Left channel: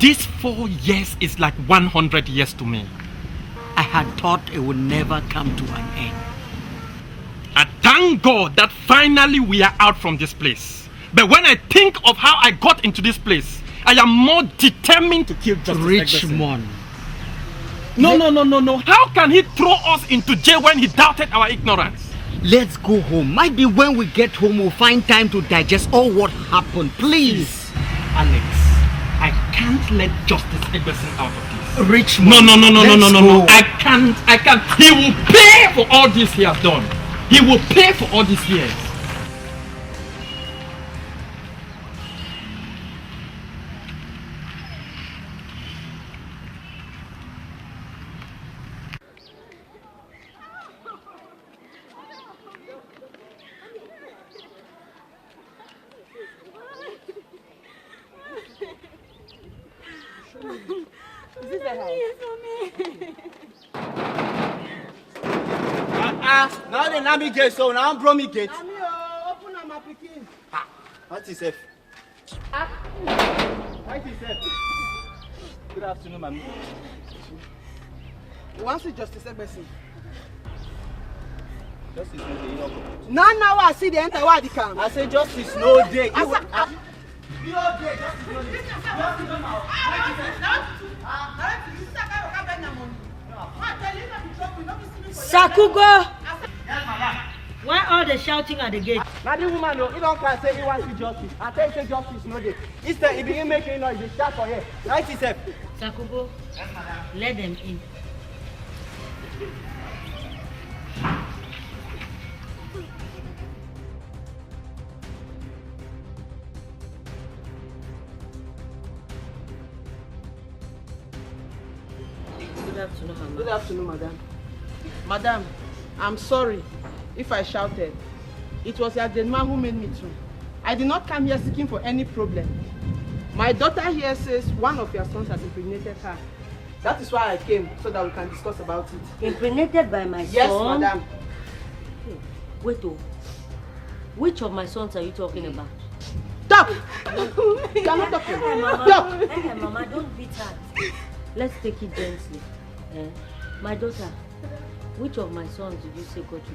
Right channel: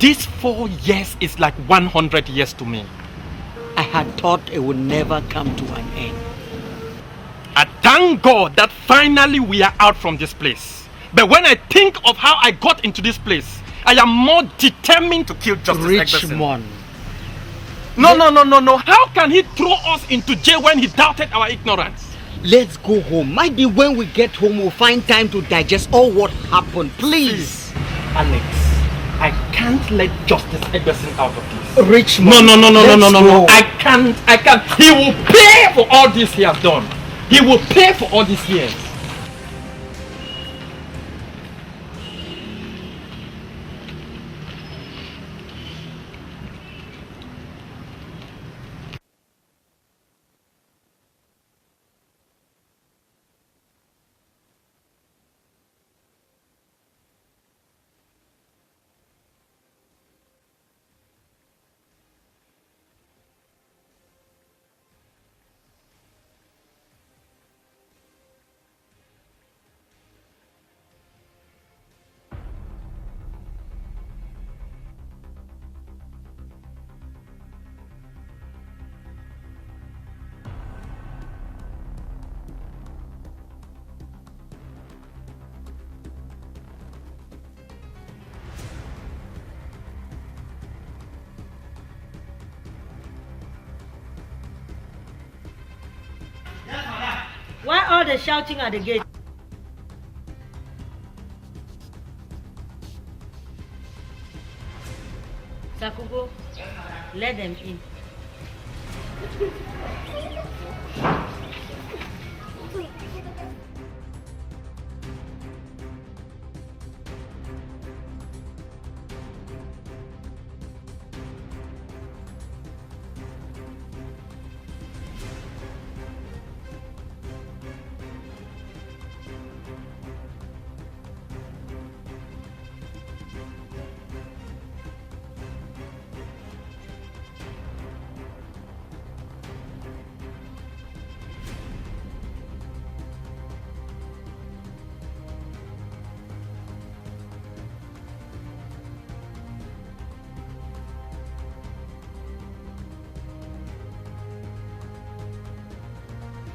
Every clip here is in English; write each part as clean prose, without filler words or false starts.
This 4 years is like 100 years to me. I had thought it would never come to an end. I thank God that finally we are out from this place. But when I think of how I got into this place, I am more determined to kill Justice Richmond. No. How can he throw us into jail when he doubted our ignorance? Let's go home. Might be when we get home we'll find time to digest all what happened. Please. Alex, I can't let Justice Egberson out of this. Richmond. No. I can't. He will pay for all this he has done. He will pay for all these years. Now the Nami gate, so now I'm Bromi gate. Open up my picking. What is it? What is it? Good afternoon, ma'am. You want to see Justice Egberson? Justice no day, Now I see the enter where they come. I say justice no day. Sakugo! Why all the shouting at the gate? Now the woman, he don't care say he wants to justice. I tell you say justice no day. Instead, he begin making noise. They start for here. Right, himself. Sakugo, let them in. Good afternoon, madam. Madam, I'm sorry if I shouted. It was your dead man who made me to. I did not come here seeking for any problem. My daughter here says one of your sons has impregnated her. That is why I came, so that we can discuss about it. Impregnated by my Yes, son? madam. Wait, which of my sons are you talking about? Stop! You are not talking. Stop! Hey, Mama, don't beat her. Let's take it gently. My daughter, which of my sons did you say got you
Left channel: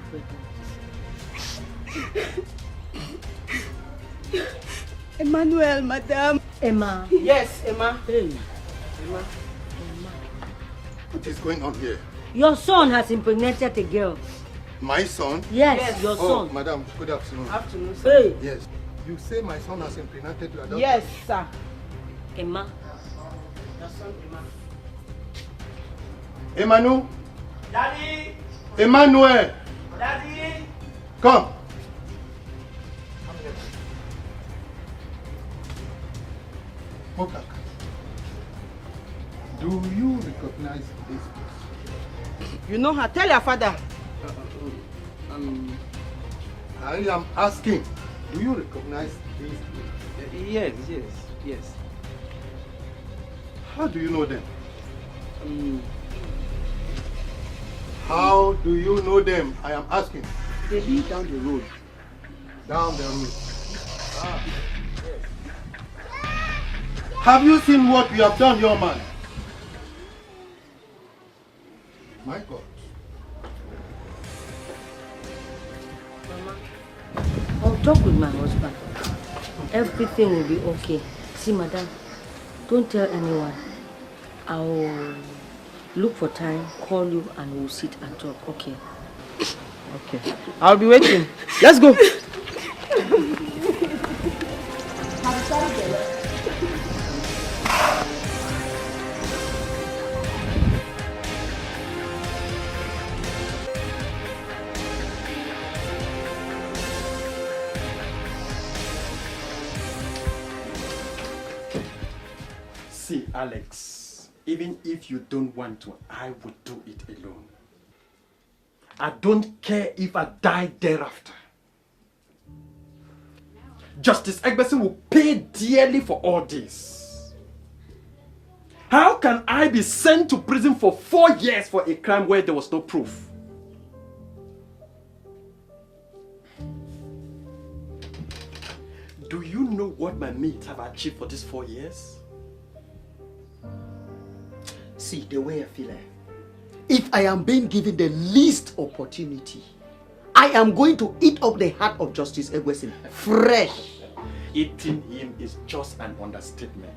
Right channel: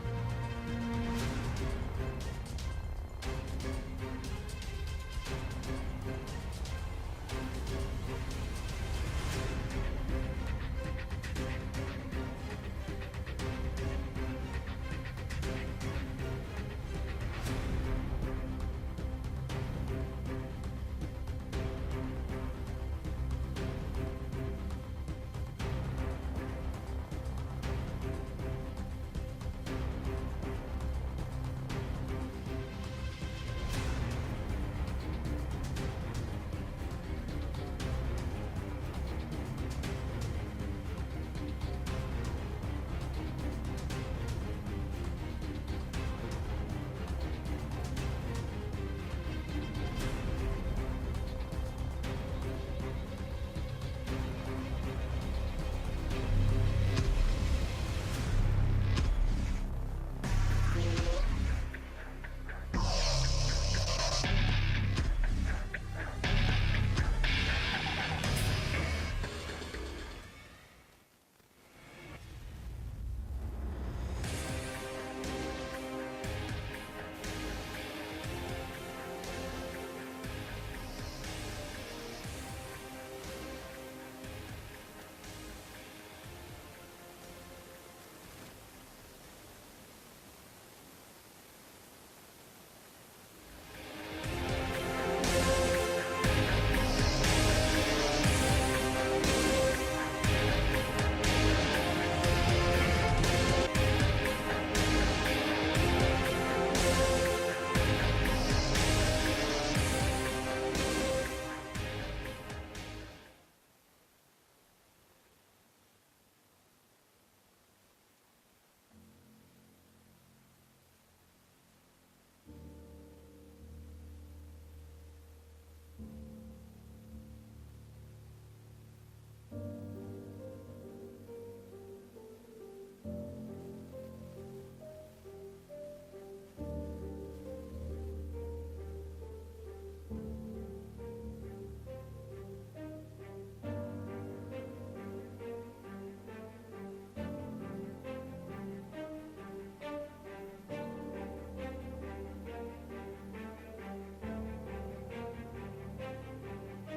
pregnant? Emmanuel, madam. Emma. Yes, Emma. Hey. Emma. What is going on here? Your son has impregnated a girl. My son? Yes, your Oh, son. madam, good afternoon. Afternoon, sir. Hey. Yes. You say my son has impregnated your daughter? Yes, sir. Emma. Emmanuel? Daddy! Emmanuel! Daddy! Come. Okay. Do you recognize this? You know her. Tell your father. I am asking, do you recognize this? Yes. How do you know them? How do you know them? I am asking. They live down the road. Down the road. Have you seen what you have done, your man? My God. I'll talk with my husband. Everything will be okay. See, madam, don't tell anyone. I'll look for time, call you, and we'll sit and talk, okay? Okay. I'll be waiting. Let's go. See, Alex, even if you don't want to, I would do it alone. I don't care if I die thereafter. Justice Egberson will pay dearly for all this. How can I be sent to prison for 4 years for a crime where there was no proof? Do you know what my mates have achieved for these 4 years? See, the way I feel, if I am being given the least opportunity, I am going to eat up the heart of Justice Egwesin fresh. Eating him is just an understatement.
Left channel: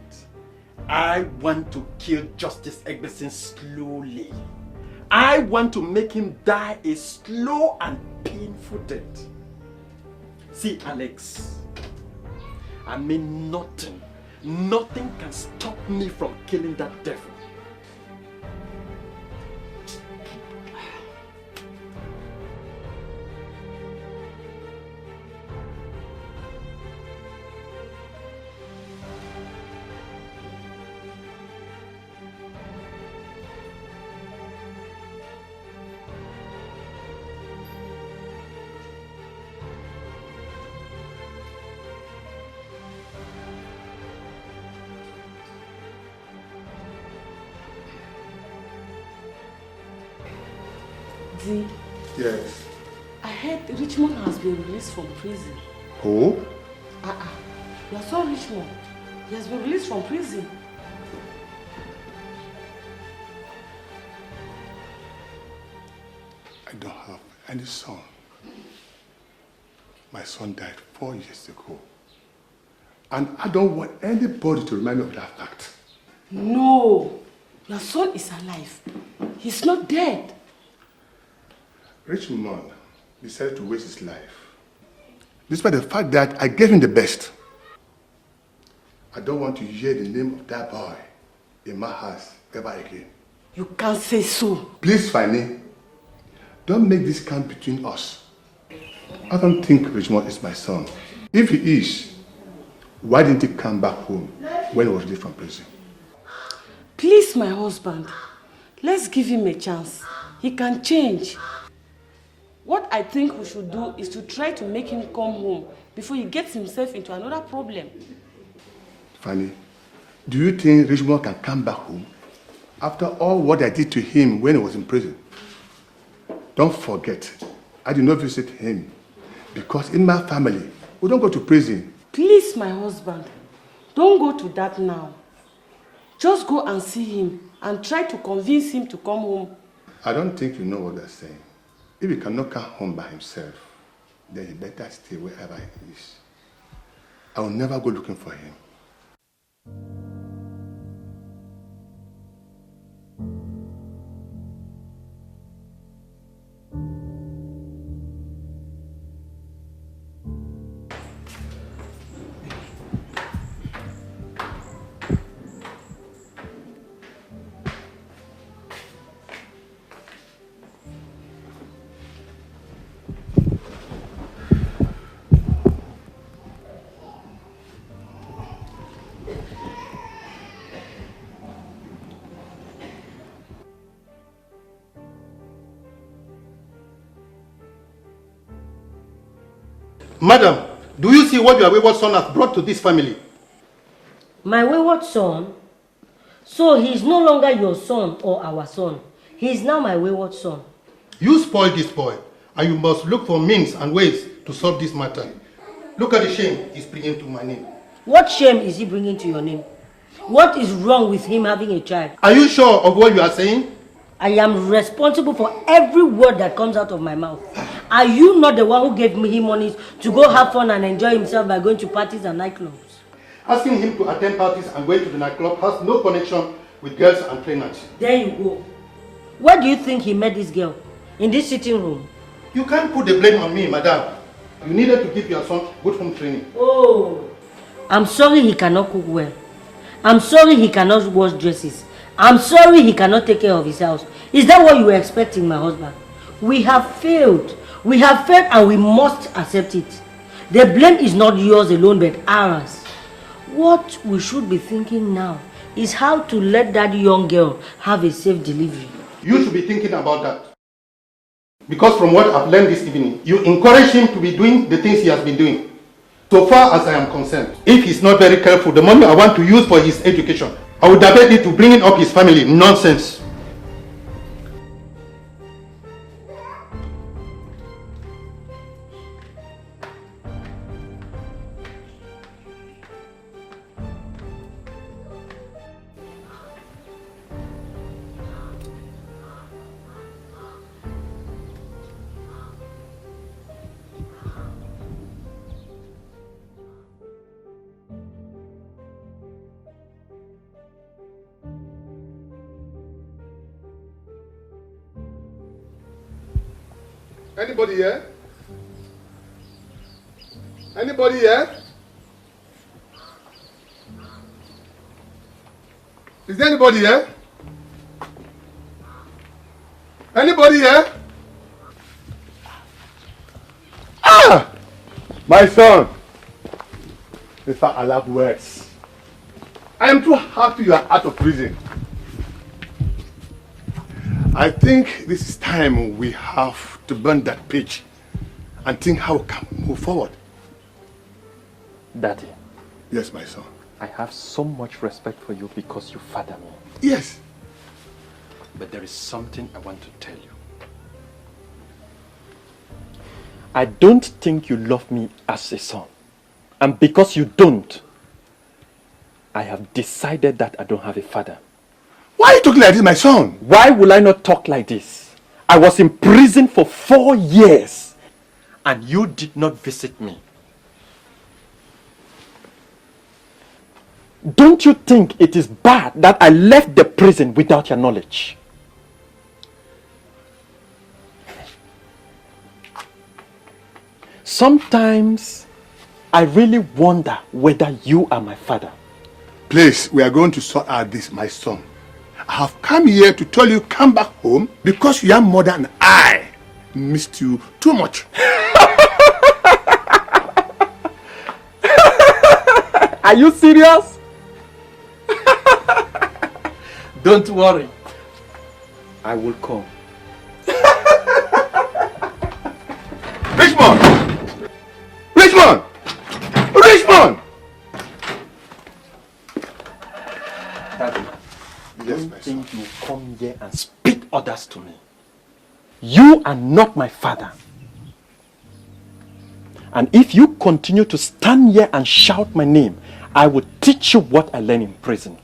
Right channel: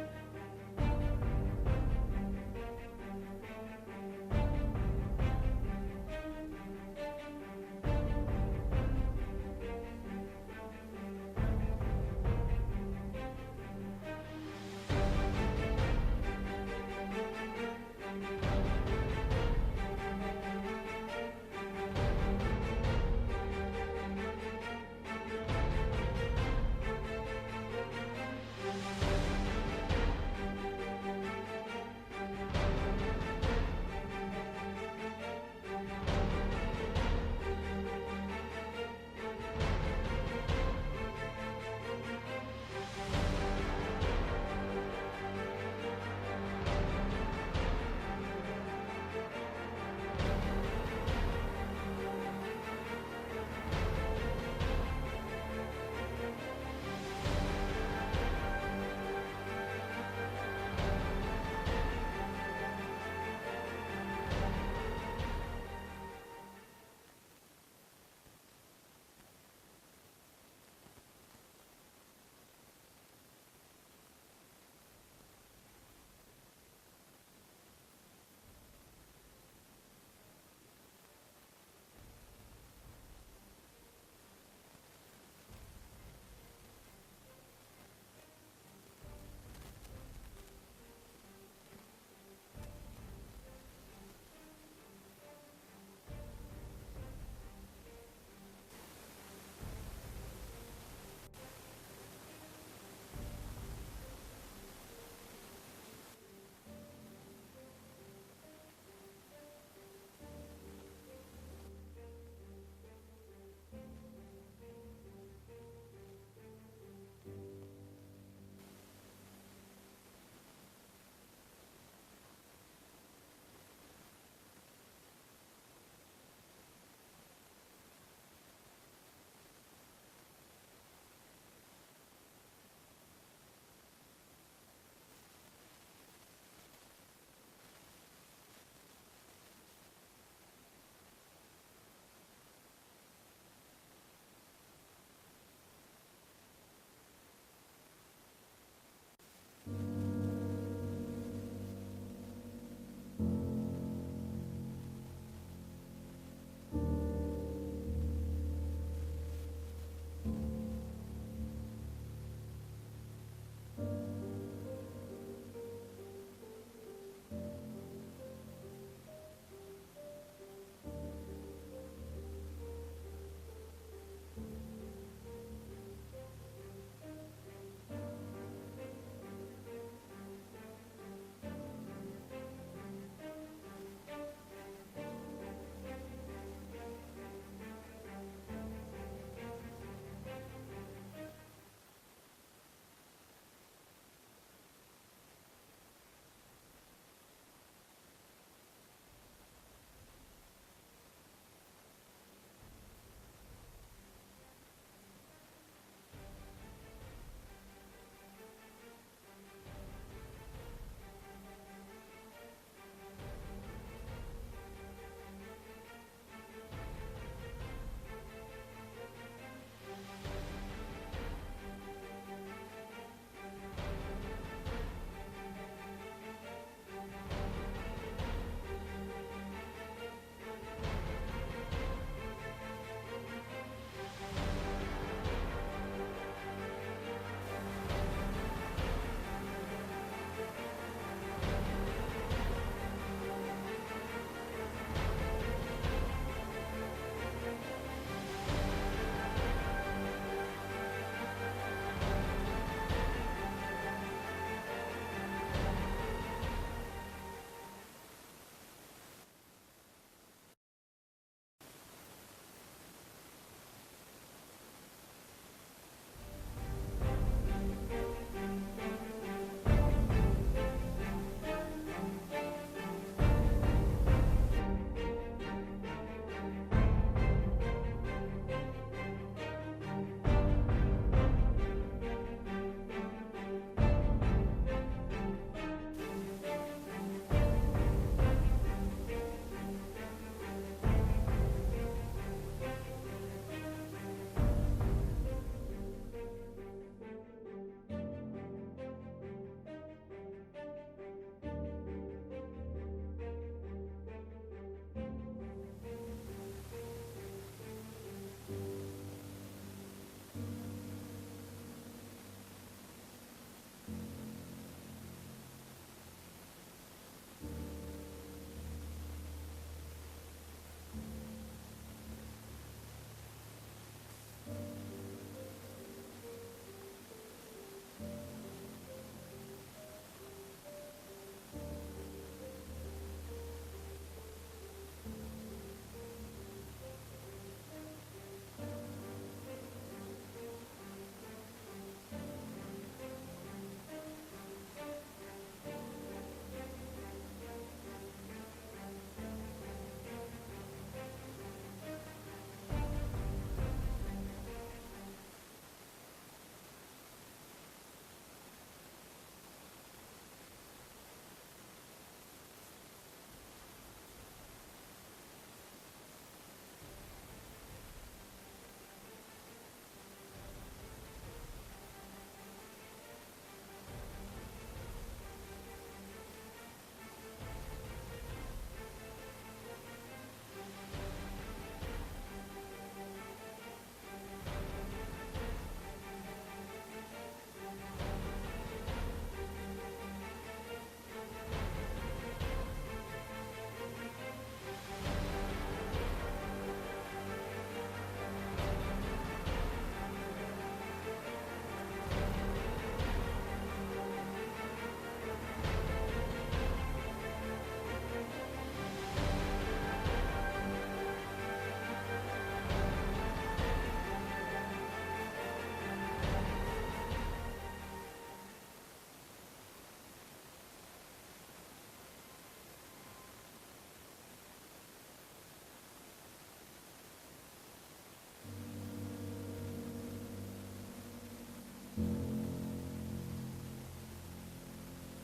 I want to kill Justice Egwesin slowly. I want to make him die a slow and painful death. See, Alex, I mean nothing can stop me from killing that devil. Yes. I heard Richmond has been released from prison. Who? You saw Richmond. He has been released from prison. I don't have any son. My son died 4 years ago. And I don't want anybody to remind me of that fact. No. Your son is alive. He's not dead. Richmond decided to waste his life. Despite the fact that I gave him the best. I don't want to hear the name of that boy in my house ever again. You can't say so. Please, Fanny, don't make this count between us. I don't think Richmond is my son. If he is, why didn't he come back home when he was released from prison? Please, my husband, let's give him a chance. He can change. What I think we should do is to try to make him come home before he gets himself into another problem. Fanny, do you think Richmond can come back home after all what I did to him when he was in prison? Don't forget, I did not visit him because in my family, we don't go to prison. Please, my husband, don't go to that now. Just go and see him and try to convince him to come home. I don't think you know what they're saying. If he cannot come home by himself, then he better stay wherever he is. I will never go looking for him. Madam, do you see what your wayward son has brought to this family? My wayward son? So he is no longer your son or our son. He is now my wayward son. You spoiled this boy, and you must look for means and ways to solve this matter. Look at the shame he's bringing to my name. What shame is he bringing to your name? What is wrong with him having a child? Are you sure of what you are saying? I am responsible for every word that comes out of my mouth. Are you not the one who gave me him money to go have fun and enjoy himself by going to parties and nightclubs? Asking him to attend parties and going to the nightclub has no connection with girls and trainers. There you go. Where do you think he met this girl? In this sitting room? You can't put the blame on me, madam. You needed to give your son good home training. Oh, I'm sorry he cannot cook well. I'm sorry he cannot wash dresses. I'm sorry he cannot take care of his house. Is that what you were expecting, my husband? We have failed. We have failed and we must accept it. The blame is not yours alone but ours. What we should be thinking now is how to let that young girl have a safe delivery. You should be thinking about that. Because from what I've learned this evening, you encourage him to be doing the things he has been doing. So far as I am concerned, if he's not very careful, the money I want to use for his education, I would divert it to bringing up his family. Nonsense. Anybody here? Anybody here? Is there anybody here? Anybody here? Ah! My son! In fact, I love words. I am too happy you are out of prison. I think this is time we have to burn that page and think how we can move forward. Daddy, Yes, my son. I have so much respect for you because you father me. Yes. But there is something I want to tell you. I don't think you love me as a son. And because you don't, I have decided that I don't have a father. Why are you talking like this, my son? Why will I not talk like this? I was in prison for 4 years and you did not visit me. Don't you think it is bad that I left the prison without your knowledge? Sometimes I really wonder whether you are my father. Please, we are going to sort out this, my son. I have come here to tell you come back home because your mother and I missed you too much. Are you serious? Don't worry. I will come. Richmond! Richmond! Richmond! Daddy, Yes, don't my son. think you come here and speak orders to me. You are not my father. And if you continue to stand here and shout my name, I will teach you what I learned in prison.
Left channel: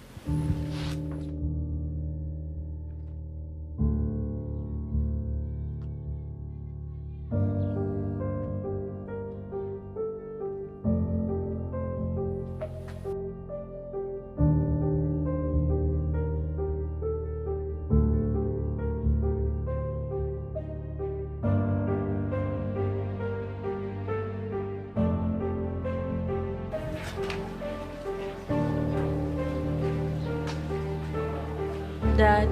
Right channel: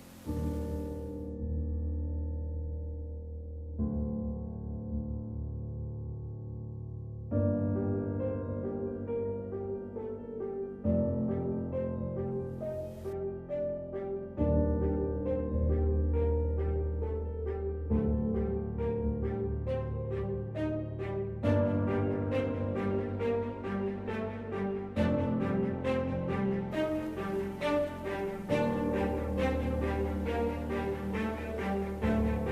Dad,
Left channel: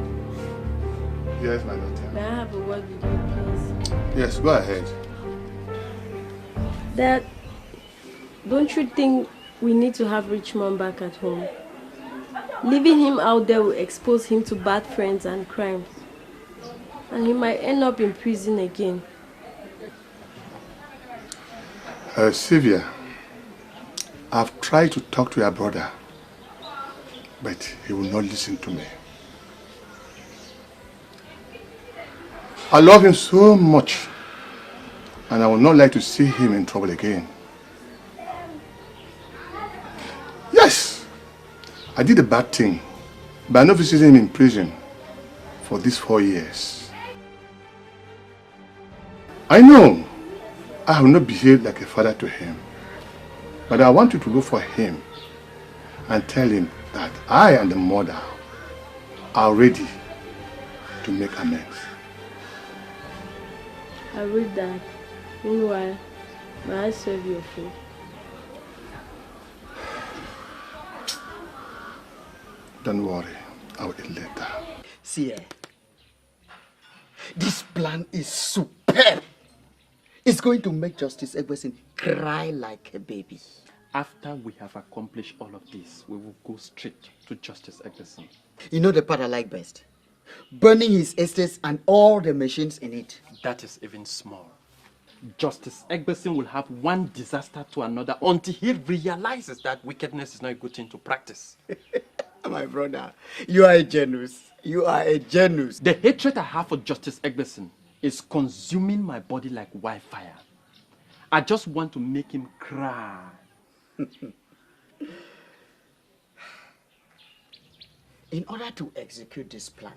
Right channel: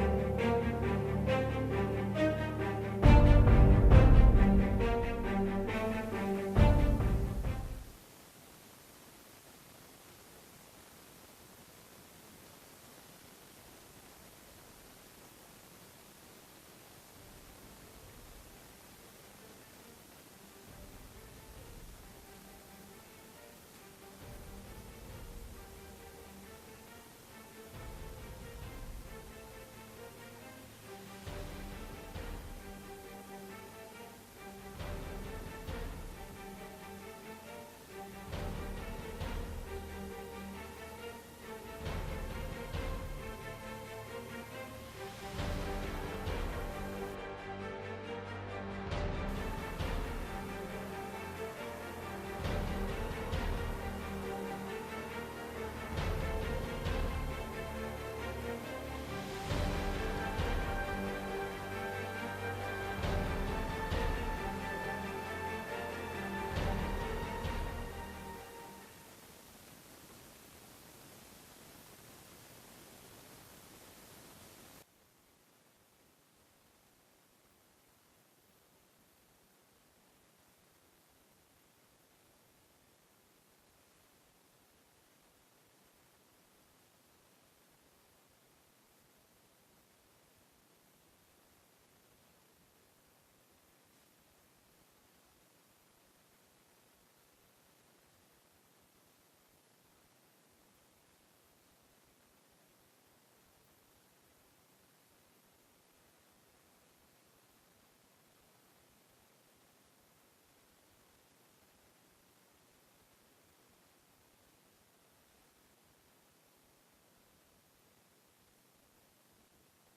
Yes, my daughter. may I have a word with you, please? Yes, go ahead. Dad, don't you think we need to have Richmond back at home? Leaving him out there will expose him to bad friends and crimes. And he might end up in prison again. Sylvia, I've tried to talk to your brother, but he will not listen to me. I love him so much, and I would not like to see him in trouble again. Yes, I did a bad thing by not visiting him in prison for these 4 years. I know I have not behaved like a father to him, but I want you to go for him and tell him that I and the mother are ready to make amends. I will, Dad. Meanwhile, may I serve your food? Don't worry, I will eat later. See, this plan is superb. It's going to make Justice Egbesin cry like a baby. After we have accomplished all of this, we will go straight to Justice Egbesin. You know the part I like best? Burning his estates and all the machines in it. That is even small. Justice Egbesin will have one disaster to another until he realizes that wickedness is not a good thing to practice. My brother, you are a genius. You are a genius. The hatred I have for Justice Egbesin is consuming my body like wildfire. I just want to make him cry. In order to execute this plan,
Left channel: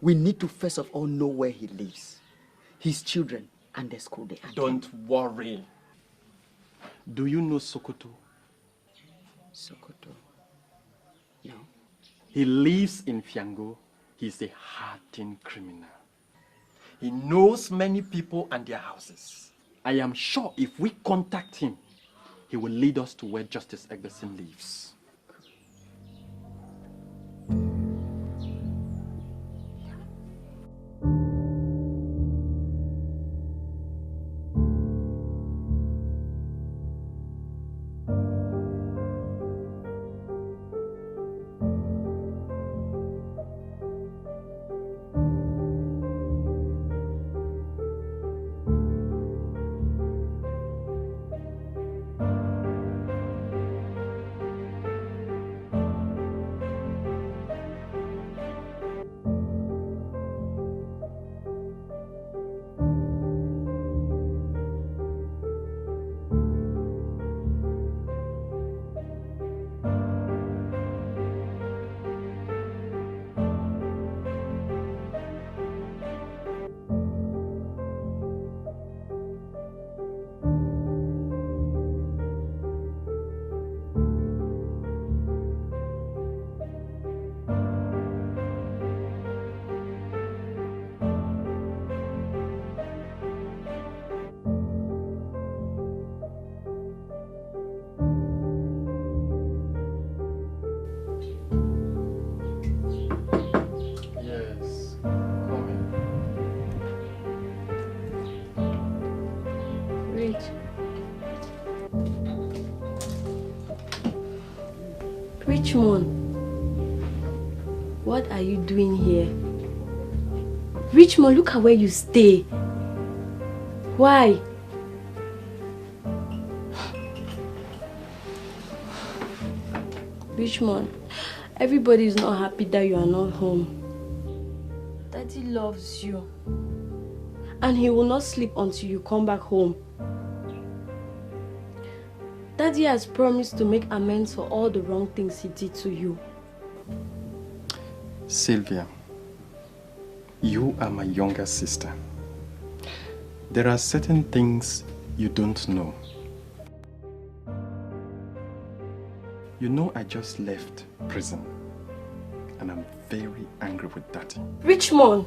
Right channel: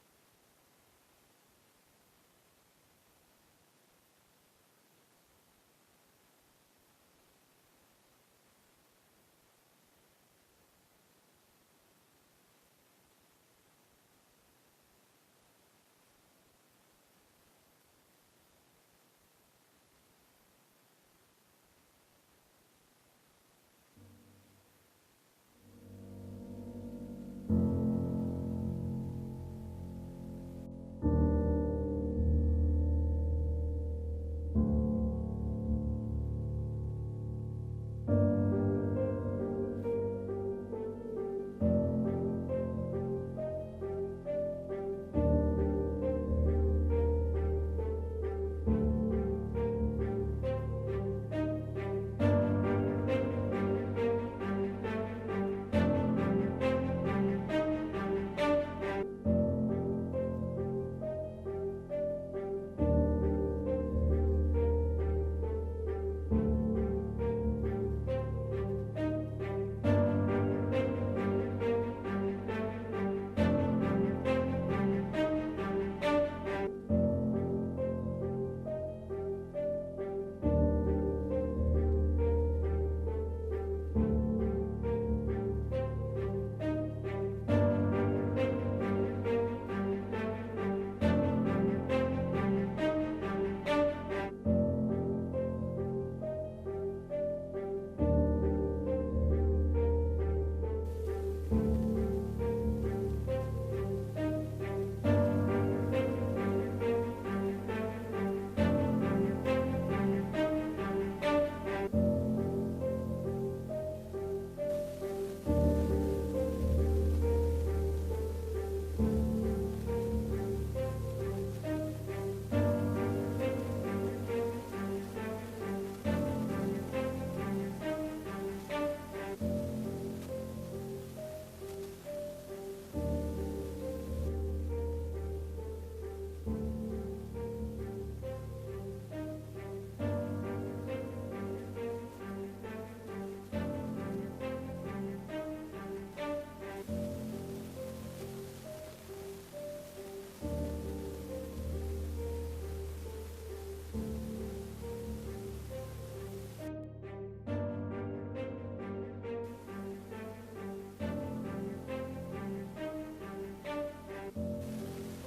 we need to first of all know where he lives, his children, and the school they attend. Don't worry. Do you know Sokoto? Sokoto. No. He lives in Fiango. He's a hardened criminal. He knows many people and their houses. I am sure if we contact him, he will lead us to where Justice Egberson lives. Richmond, what are you doing here? Richmond, look at where you stay. Why? Richmond, everybody is not happy that you are not home. Daddy loves you. And he will not sleep until you come back home. Daddy has promised to make amends for all the wrong things he did to you. Sylvia, you are my younger sister. There are certain things you don't know. You know I just left prison and I'm very angry with Daddy. Richmond,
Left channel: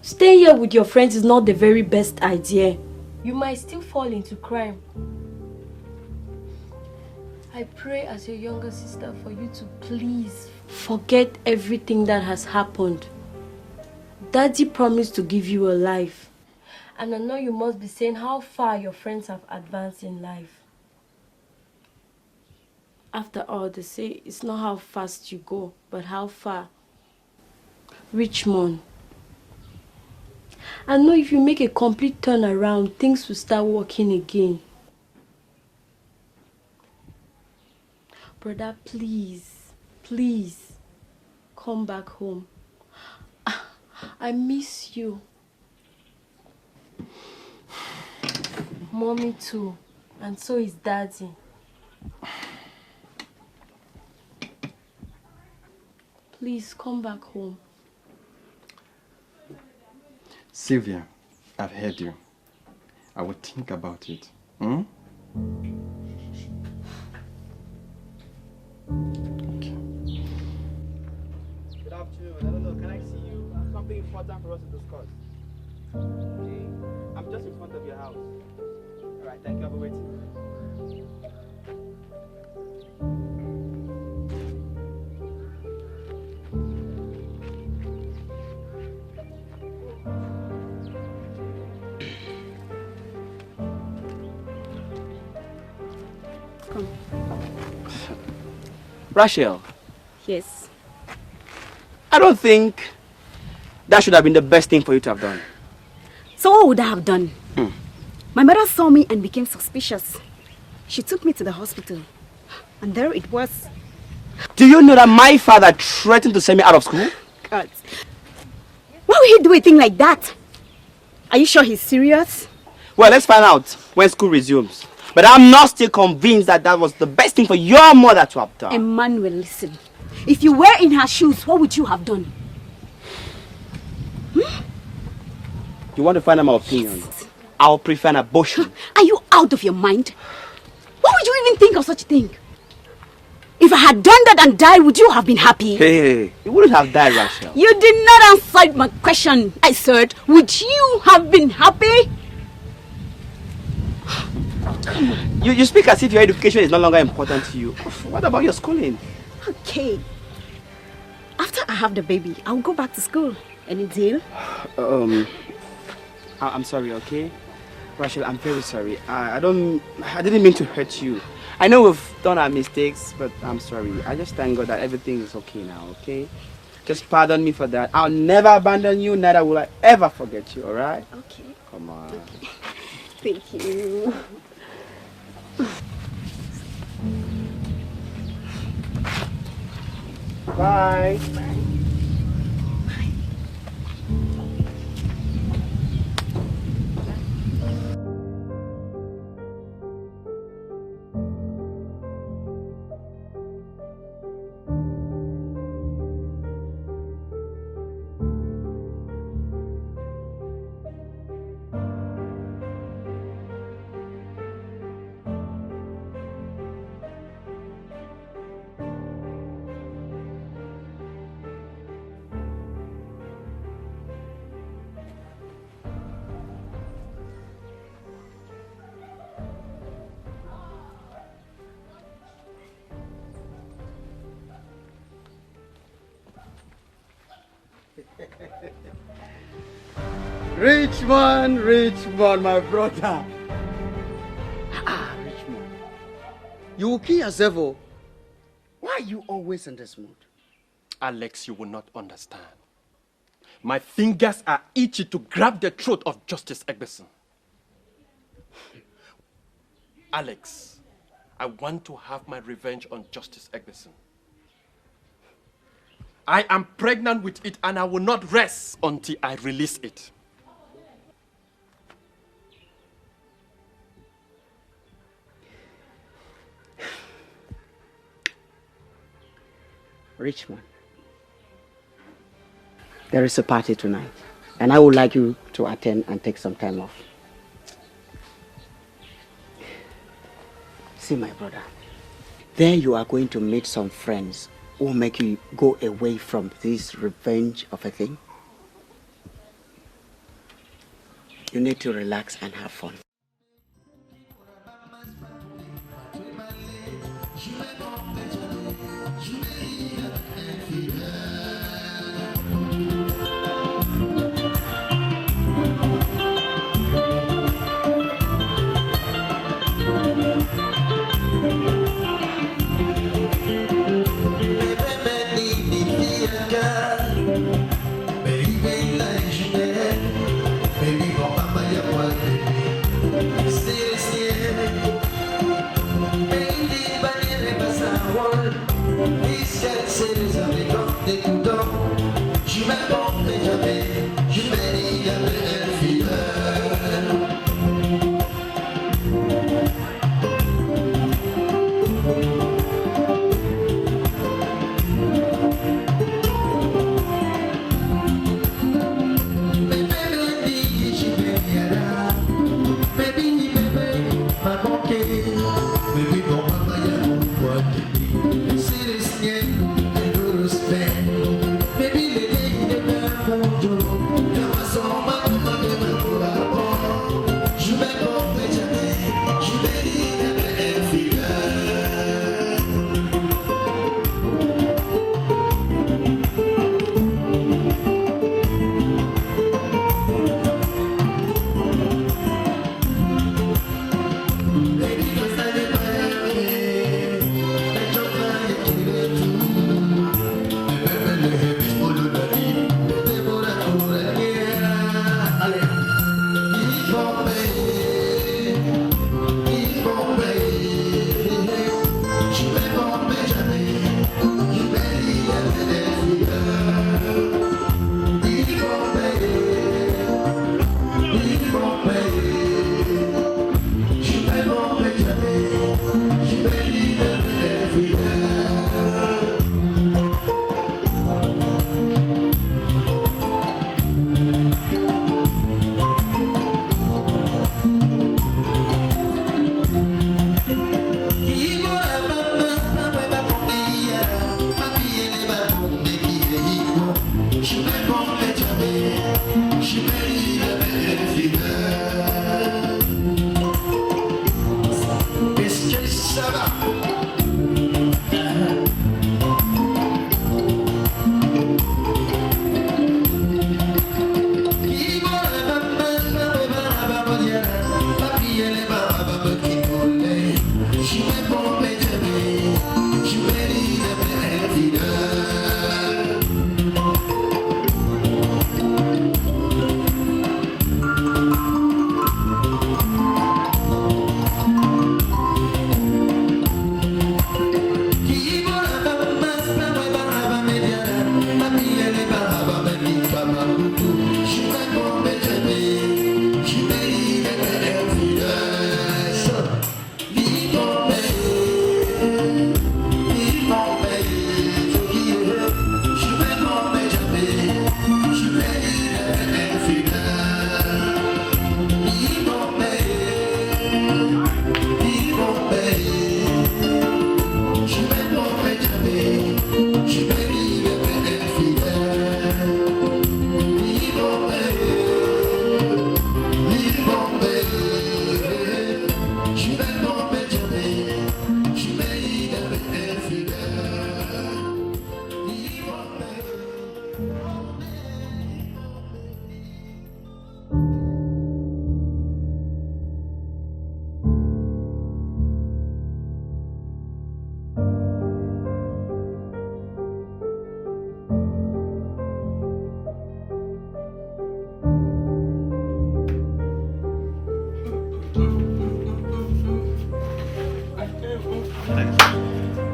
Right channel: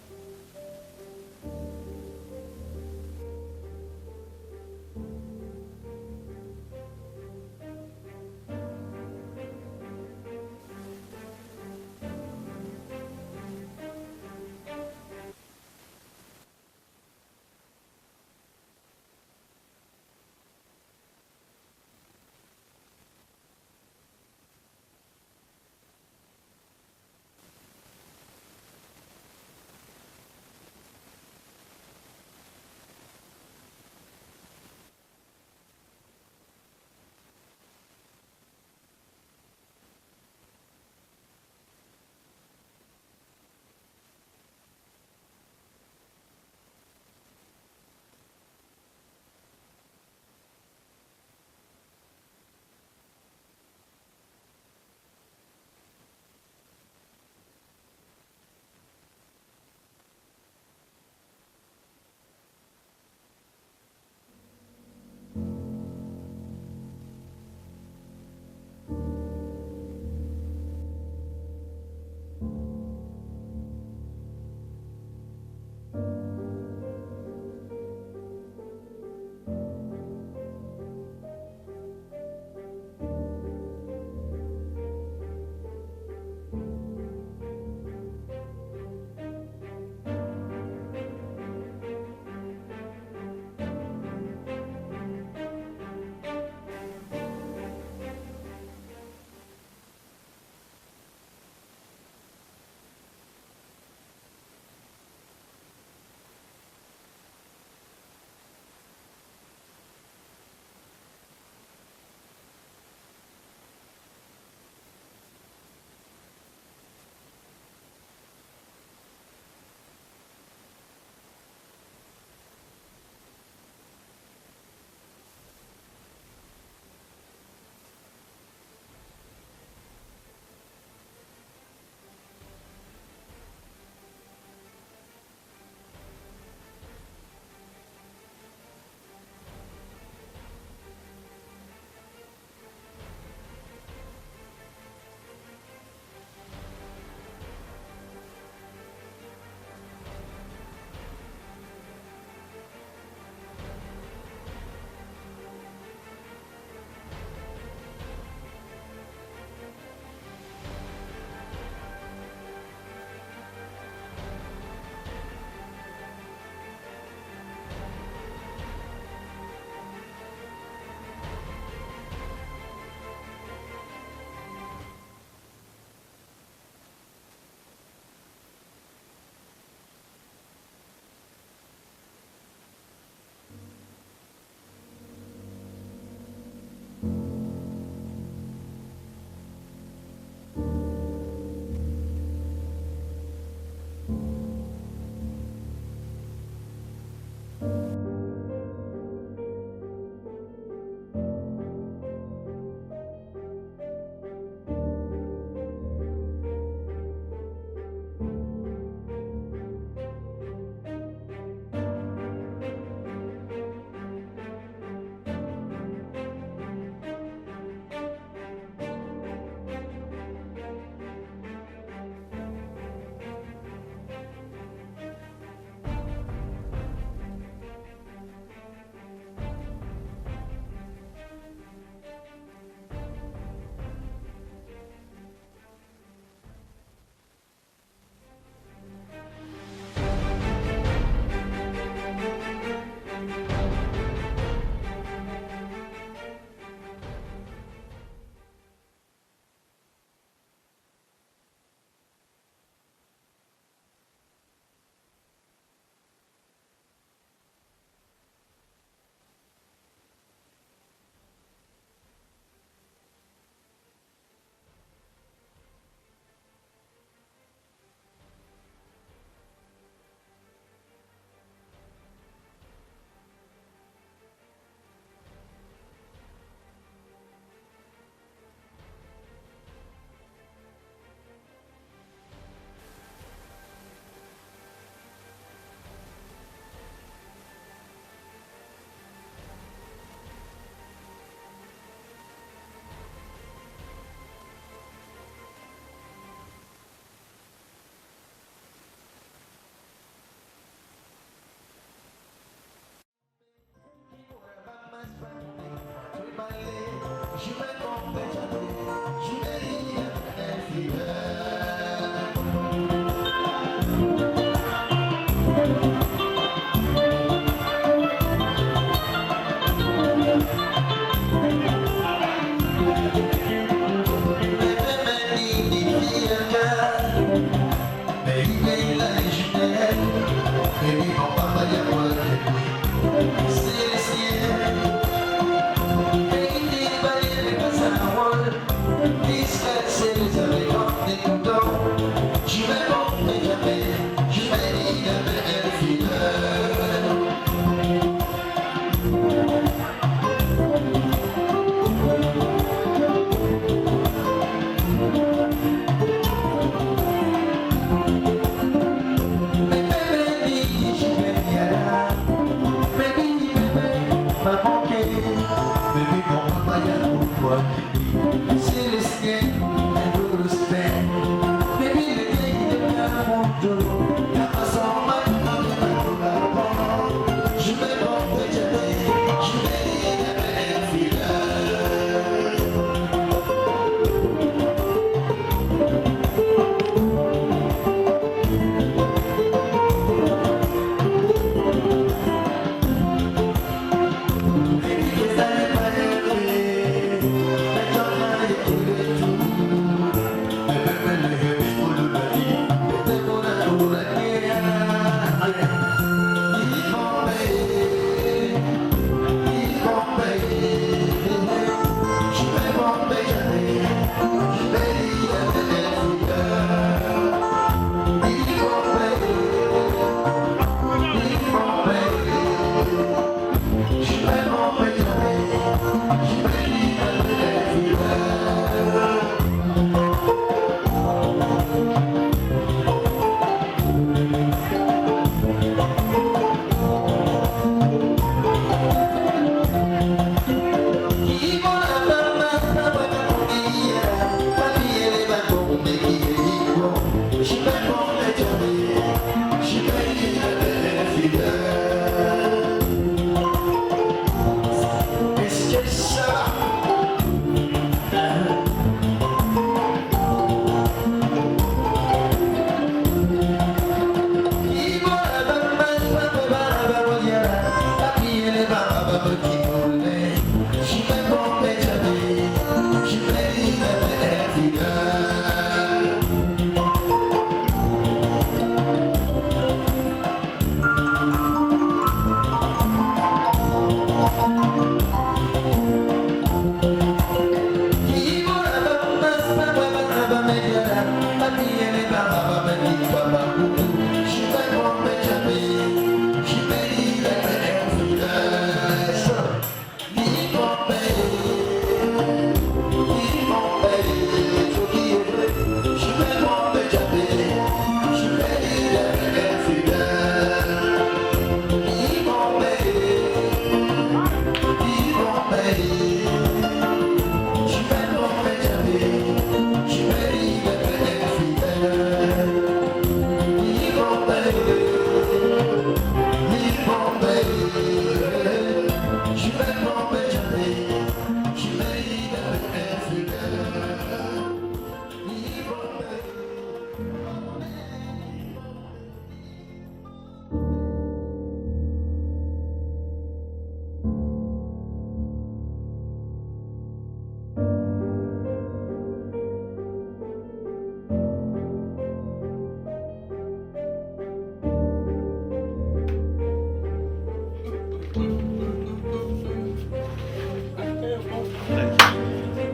staying here with your friends is not the very best idea. You might still fall into crime. I pray as your younger sister for you to please forget everything that has happened. Daddy promised to give you a life. And I know you must be saying how far your friends have advanced in life. After all, they say it's not how fast you go, but how far. Richmond, I know if you make a complete turnaround, things will start working again. Brother, please, please, come back home. I miss you. Mommy too, and so is Daddy. Please, come back home. Sylvia, I've heard you. I will think about it. Hmm? Okay. Good afternoon. Hello, can I see you? Something important for us to discuss. Okay. I'm just in front of your house. Alright, thank you. I'll be waiting. Rachel. Yes. I don't think that should have been the best thing for you to have done. So what would I have done? My mother saw me and became suspicious. She took me to the hospital. And there it was. Do you know that my father threatened to send me out of school? God. Why would he do a thing like that? Are you sure he's serious? Well, let's find out when school resumes. But I'm not still convinced that that was the best thing for your mother to have done. Emmanuel, listen. If you were in her shoes, what would you have done? You want to find out my opinion? I'll prefer an abortion. Are you out of your mind? Why would you even think of such a thing? If I had done that and died, would you have been happy? Hey, you wouldn't have died, Rachel. You did not answer my question. I said, would you have been happy? You speak as if your education is no longer important to you. What about your schooling? Okay. After I have the baby, I'll go back to school. Any deal? I'm sorry, okay? Rachel, I'm very sorry. I didn't mean to hurt you. I know we've done our mistakes, but I'm sorry. I just thank God that everything is okay now, okay? Just pardon me for that. I'll never abandon you, neither will I ever forget you, alright? Okay. Come on. Okay. Thank you. Bye. Richmond, my brother. Richmond. You will kill yourself. Oh. Why are you always in this mood? Alex, you will not understand. My fingers are itchy to grab the throat of Justice Egberson. Alex, I want to have my revenge on Justice Egberson. I am pregnant with it and I will not rest until I release it. Richmond, there is a party tonight, and I would like you to attend and take some time off. See, my brother, there you are going to meet some friends who will make you go away from this revenge of a thing. You need to relax and have fun.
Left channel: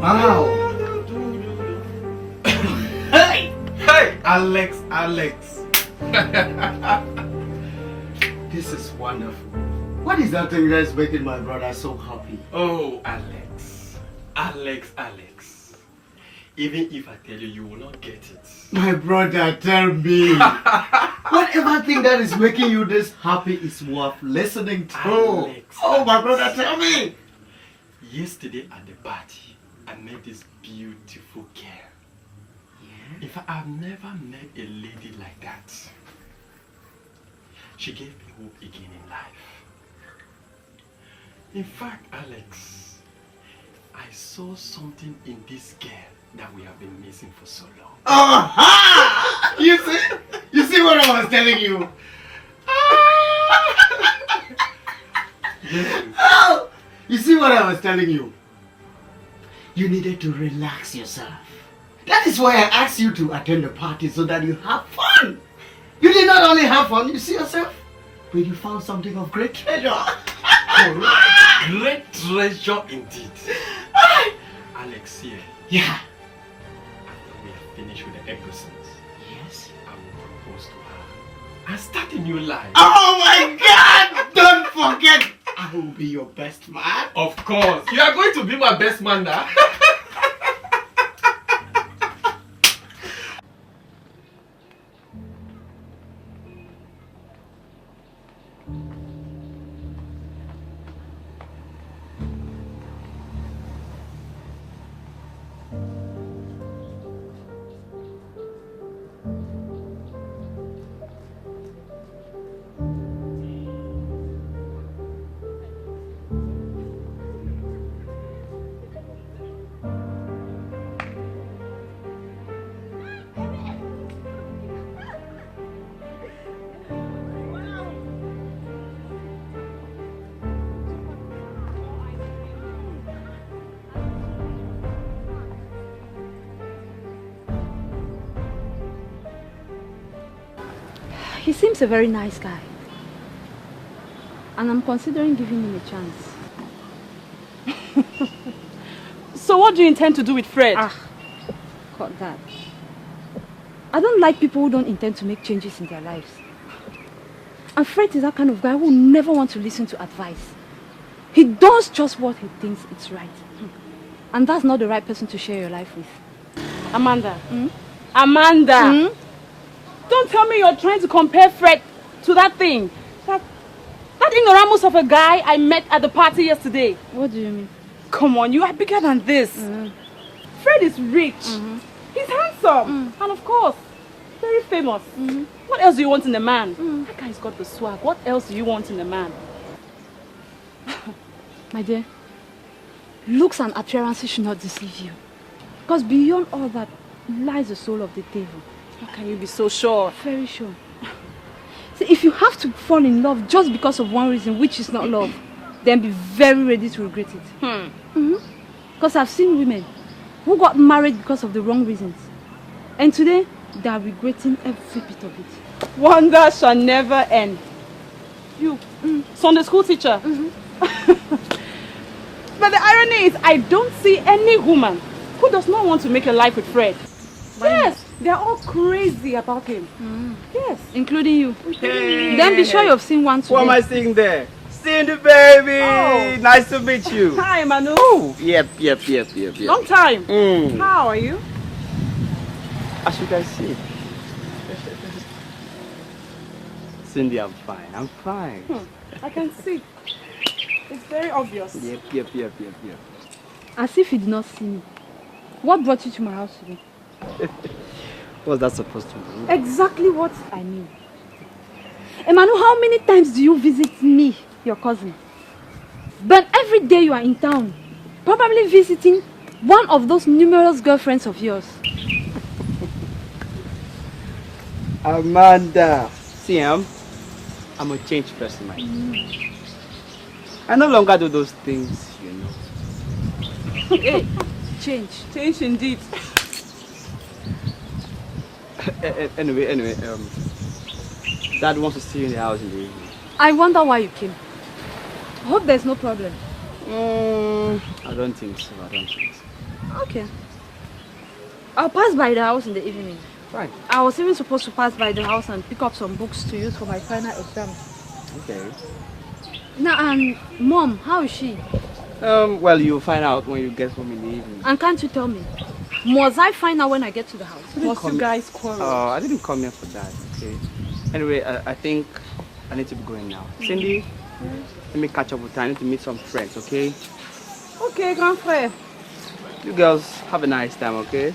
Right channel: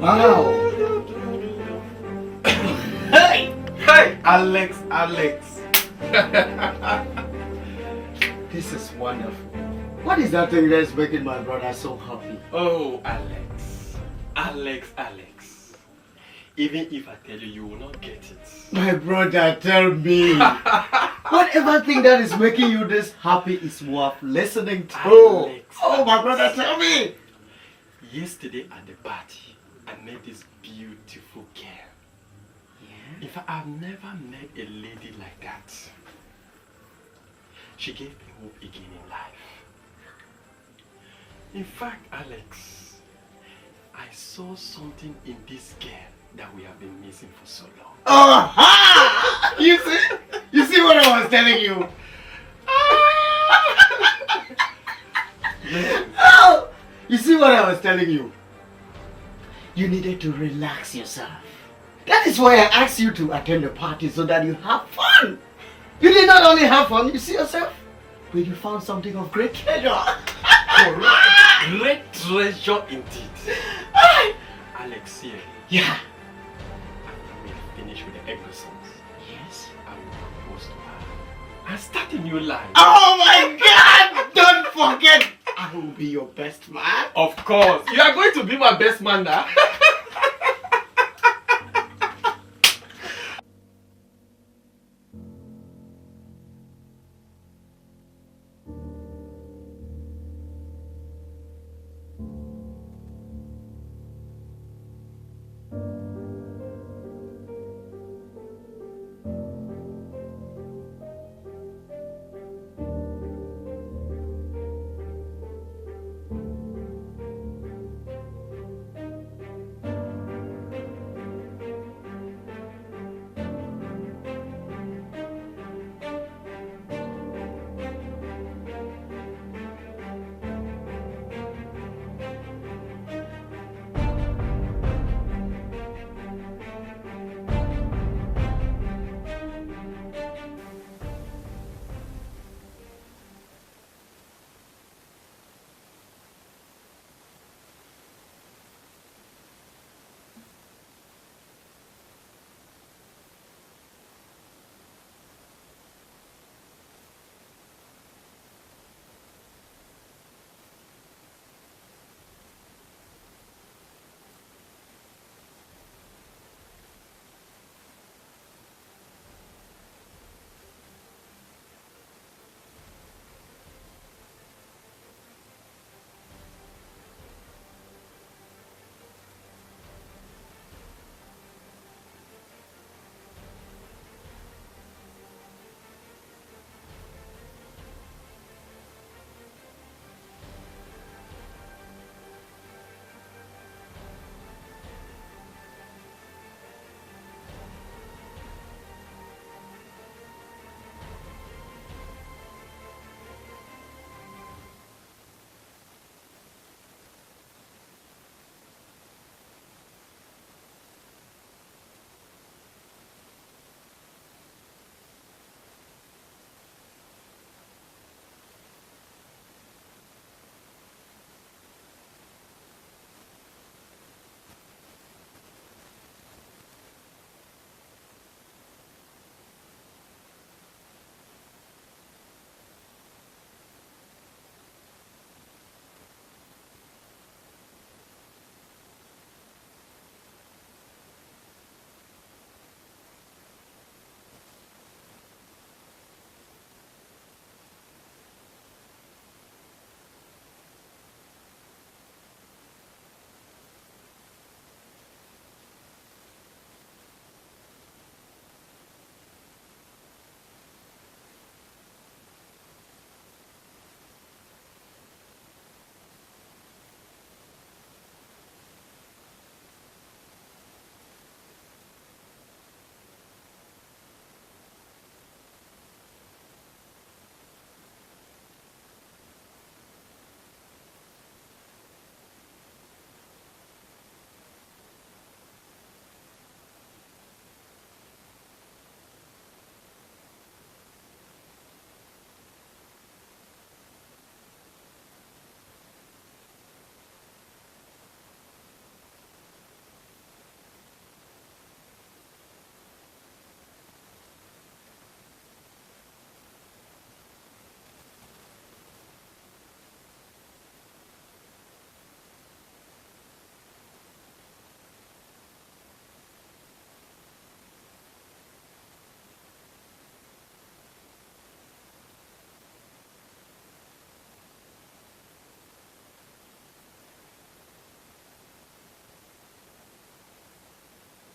Wow. Hey! Hey! Alex! This is wonderful. What is that thing that's making my brother so happy? Oh, Alex. Even if I tell you, you will not get it. My brother, tell me. Whatever thing that is making you this happy is worth listening to. Alex. Oh, my brother, tell me. Yesterday at the party, I met this beautiful girl. In fact, I've never met a lady like that. She gave me hope again in life. In fact, Alex, I saw something in this girl that we have been missing for so long. Oh, you see what I was telling you? Yes. Oh, you see what I was telling you? You needed to relax yourself. That is why I asked you to attend the party so that you have fun. You did not only have fun, you see yourself, but you found something of great treasure. Great treasure indeed. Alex, here. Yeah. After we are finished with the Egglesons, Yes. I will propose to her and start a new life. Oh my God! Don't forget, I will be your best man. Of course. You are going to be my best man now. He seems a very nice guy. And I'm considering giving him a chance. So what do you intend to do with Fred? Cut that. I don't like people who don't intend to make changes in their lives. And Fred is that kind of guy who never wants to listen to advice. He does just what he thinks is right. And that's not the right person to share your life with. Amanda. Amanda! Don't tell me you're trying to compare Fred to that thing. That ignoramus of a guy I met at the party yesterday. What do you mean? Come on, you are bigger than this. Fred is rich. He's handsome. And of course, very famous. What else do you want in a man? That guy's got the swag. What else do you want in a man? My dear, looks and appearances should not deceive you. Because beyond all that lies the soul of the devil. How can you be so sure? Very sure. See, if you have to fall in love just because of one reason, which is not love, then be very ready to regret it. Because I've seen women who got married because of the wrong reasons. And today, they are regretting every bit of it. Wonder shall never end. You, Sunday school teacher. But the irony is, I don't see any woman who does not want to make a life with Fred. Yes, they're all crazy about him. Yes. Including you. Hey. Then be sure you've seen one today. What am I seeing there? Cindy, baby! Oh. Nice to meet you. Hi, Manu. Oh, yep. Long time. How are you? As you can see. Cindy, I'm fine. I can see. It's very obvious. Yep. As if you did not see me. What brought you to my house today? What's that supposed to mean? Exactly what I mean. Emmanuel, how many times do you visit me, your cousin? But every day you are in town, probably visiting one of those numerous girlfriends of yours. Amanda, see, I'm a changed person, man. I no longer do those things, you know. Hey, change indeed. Anyway, Dad wants to see you in the house in the evening. I wonder why you came. I hope there's no problem. I don't think so. Okay. I'll pass by the house in the evening. Fine. I was even supposed to pass by the house and pick up some books to use for my final exam. Okay. Now, Mom, how is she? Well, you'll find out when you get home in the evening. And can't you tell me? Must I find out when I get to the house? Must you guys quarrel? I didn't come here for that, okay? Anyway, I think I need to be going now. Cindy, let me catch up with her. I need to meet some friends, okay? Okay, grand frère. You girls have a nice time, okay?